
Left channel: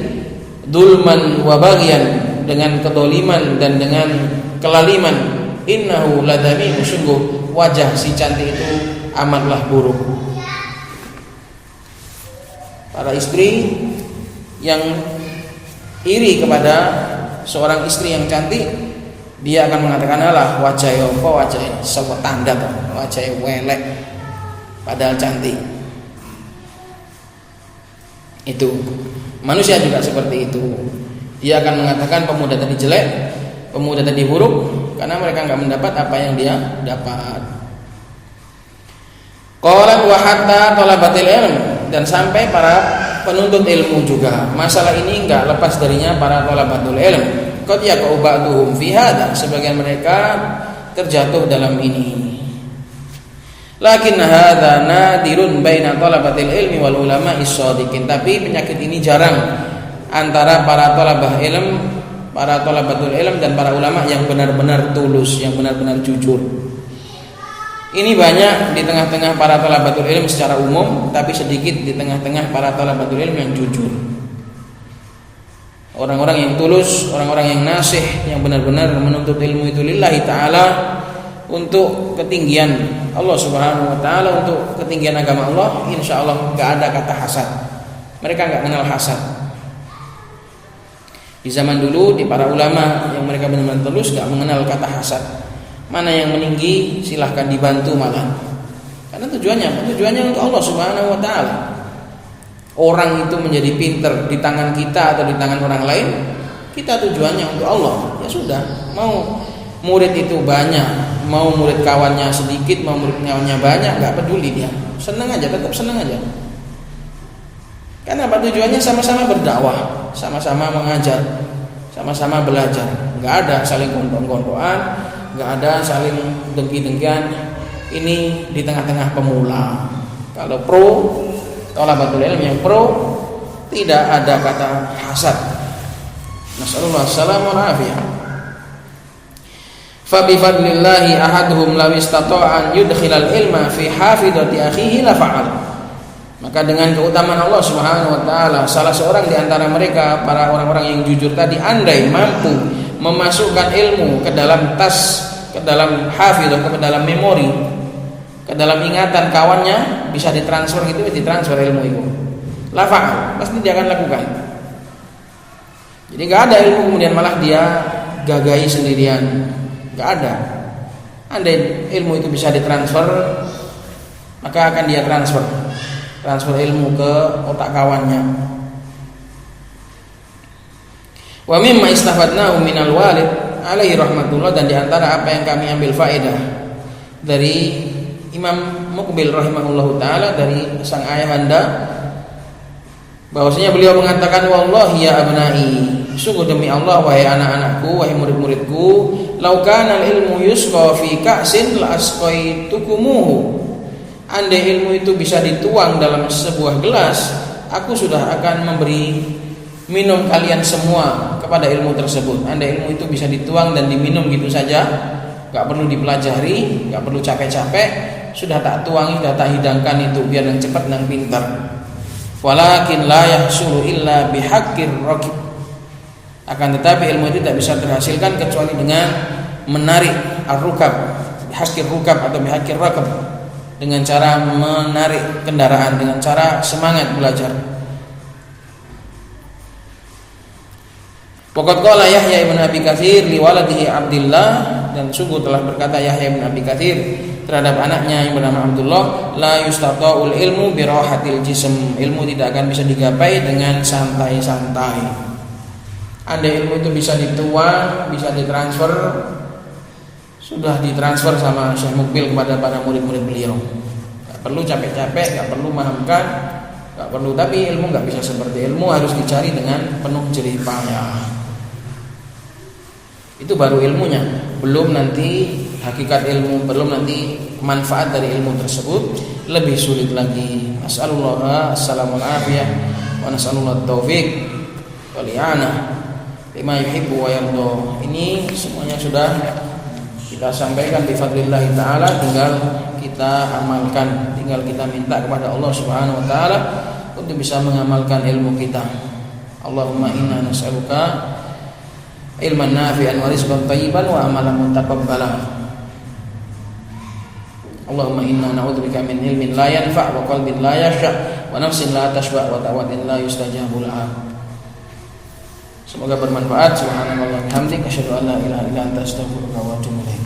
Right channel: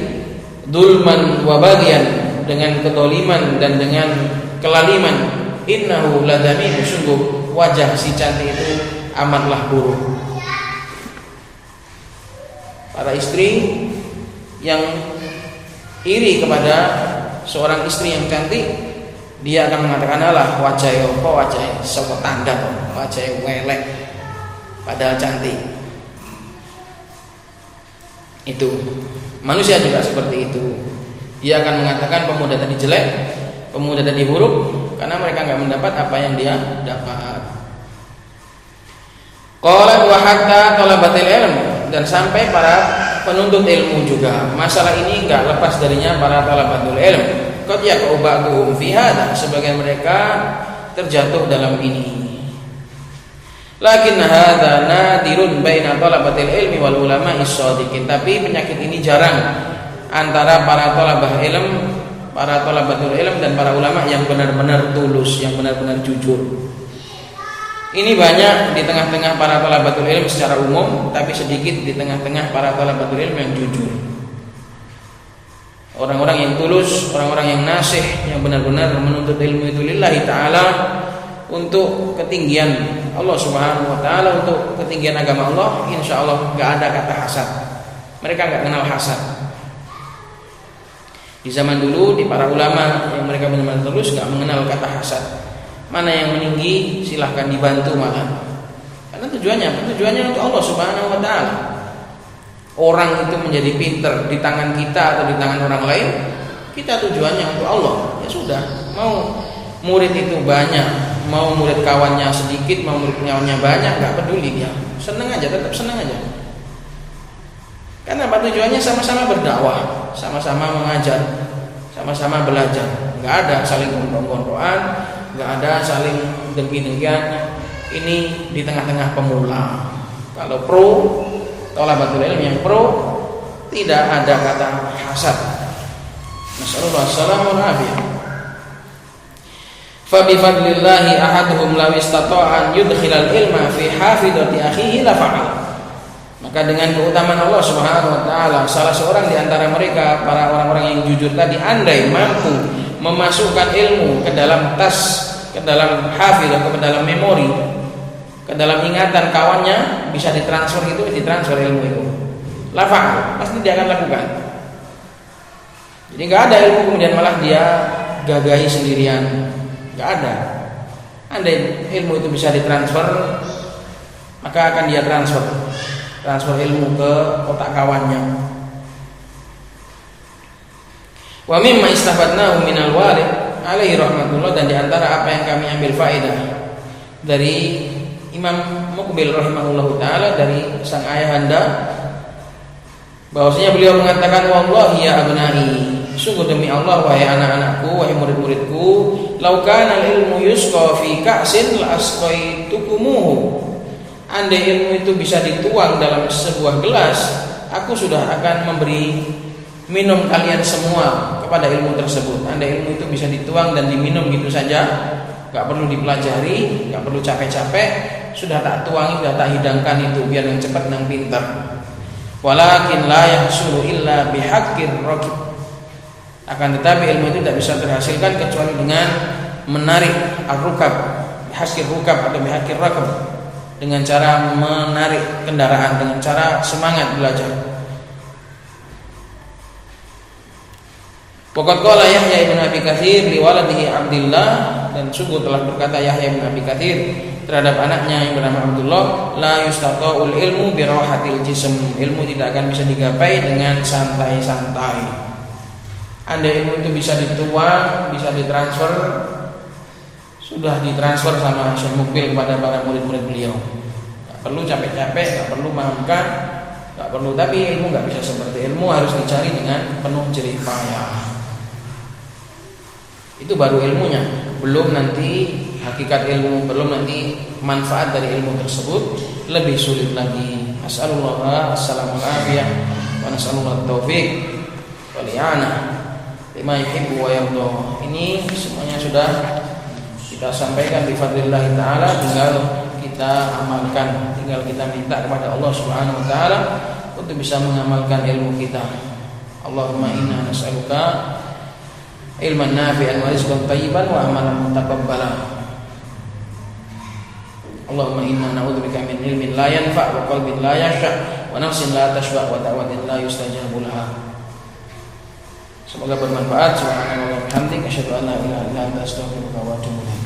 dulman wa bagian, dengan kedoliman dan dengan kelaliman, innahu ladami, sungguh wajah si cantik itu amatlah buruk. Para istri yang iri kepada seorang istri yang cantik, dia akan mengatakan, alah wajahnya kok wajahnya sapa tanda kok, wajahnya welek padahal cantik. Itu manusia juga seperti itu. Dia akan mengatakan pemuda tadi jelek, pemuda tadi buruk, karena mereka enggak mendapat apa yang dia dapat. Qala wa hatta talabatil ilm, dan sampai para penuntut ilmu juga. Masalah ini enggak lepas darinya para talabatul ilm. Qad yaqubatuhum fi hadza, sebagian mereka terjatuh dalam ini. Lakin hadza nadirun baina talabatil ilmi wal ulama is-shadiqin. Tapi penyakit ini jarang antara para talabah ilm, para talabatul ilm dan para ulama yang benar-benar tulus, yang benar-benar jujur. Ini banyak di tengah-tengah para talabatul ilm secara umum, tapi sedikit di tengah-tengah para talabatul ilm yang jujur. Orang-orang yang tulus, orang-orang yang nasih, yang benar-benar menuntut ilmu itu lillahi ta'ala, untuk ketinggian Allah Subhanahu wa ta'ala, untuk ketinggian agama Allah. Insya Allah gak ada kata hasad. Mereka gak kenal hasad. Di zaman dulu, di para ulama yang mereka benar-benar tulus, gak mengenal kata hasad. Mana yang meninggi silahkan dibantu malah. Karena tujuannya untuk Allah Subhanahu wa ta'ala. Orang itu menjadi pinter di tangan kita atau di tangan orang lain, kita tujuannya untuk Allah. Ya sudah, mau murid itu banyak, mau murid kawannya sedikit, mau murid kawannya banyak, gak peduli dia. Senang aja, tetap senang aja. Karena apa? Tujuannya sama-sama berdakwah, sama-sama mengajar, sama-sama belajar. Gak ada saling gondrong-gondrokan, gak ada saling dengki-dengkian. Ini di tengah-tengah pemula. Kalau pro, thalabatul ilm yang pro, tidak ada kata hasad. Nasallallahu alaihi wasallam. Fa bi fadlillahi ahaduhum law istata'a an yudkhilal ilma fi hafidati akhihi la fa'al. Maka dengan keutamaan Allah Subhanahu wa taala, salah seorang di antara mereka, para orang-orang yang jujur tadi, andai mampu memasukkan ilmu ke dalam tas, ke dalam hafidah, ke dalam memori, ke dalam ingatan kawannya, bisa ditransfer itu, ditransfer ilmu itu. La fa'al, pasti dia akan lakukan. Jadi enggak ada ilmu kemudian malah dia gagahi sendirian. Enggak ada. Andai ilmu itu bisa ditransfer, maka akan dia transfer ilmu ke otak kawannya. Wa mimma istafadnahu minal walid alaihi rahmatullah, dan diantara apa yang kami ambil faedah dari Imam Muqbil rahimahullahu taala, dari sang ayahanda, bahwasanya beliau mengatakan, wallahi ya abnai, sungguh demi Allah wahai anak-anakku, wahai murid-muridku, law kana al-ilmu yusqa fi ka'sin la asqaitukumuhu. Andai ilmu itu bisa dituang dalam sebuah gelas, aku sudah akan memberi minum kalian semua kepada ilmu tersebut. Andai ilmu itu bisa dituang dan diminum gitu saja, gak perlu dipelajari, gak perlu capek-capek, sudah tak tuangi, sudah tak hidangkan itu biar yang cepat yang pintar. Walakin la yahsulu illa bihaqqir raqib. Akan tetapi ilmu itu tidak bisa terhasilkan kecuali dengan menarik ar-rukab, bihaqqir rukab atau bihaqqir raqab, dengan cara menarik kendaraan, dengan cara semangat belajar. Waqad qala Yahya ibn Abi Katsir li waladihi Abdullah, dan sungguh telah berkata Yahya ibn Abi Katsir terhadap anaknya yang bernama Abdullah, la yustata'ul ilmu bi rahatil jism. Ilmu tidak akan bisa digapai dengan santai-santai. Andai ilmu itu bisa dituang, bisa ditransfer, sudah ditransfer sama Syekh Muqbil kepada para murid-murid beliau. Gak perlu capek-capek, gak perlu memahamkan, nggak perlu. Tapi ilmu nggak bisa seperti ilmu, harus dicari dengan penuh jerih payah. Itu baru ilmunya, belum nanti hakikat ilmu, belum nanti manfaat dari ilmu tersebut, lebih sulit lagi. Nas'alullah as-salamul afiyah wa nas'alullah taufiq wal i'anah lima yuhibbu wa yarda. Ini semuanya sudah kita sampaikan bi fadlillah taala, tinggal kita amalkan, tinggal kita minta kepada Allah Subhanahu wa taala untuk bisa mengamalkan ilmu kita. Allahumma inna nas'aluka ilman nafi'an wa rizqan thayyiban wa amalan mutaqabbalan. Allahumma inna na'udzubika min ilmin la yanfa' wa qalbin la yakhsha' wa nafsin la tashba' wa da'watin la yustajabu laha. Semoga bermanfaat. Subhanallah wa bihamdihi, asyhadu an la ilaha illa anta, astaghfiruka wa atubu ilaik.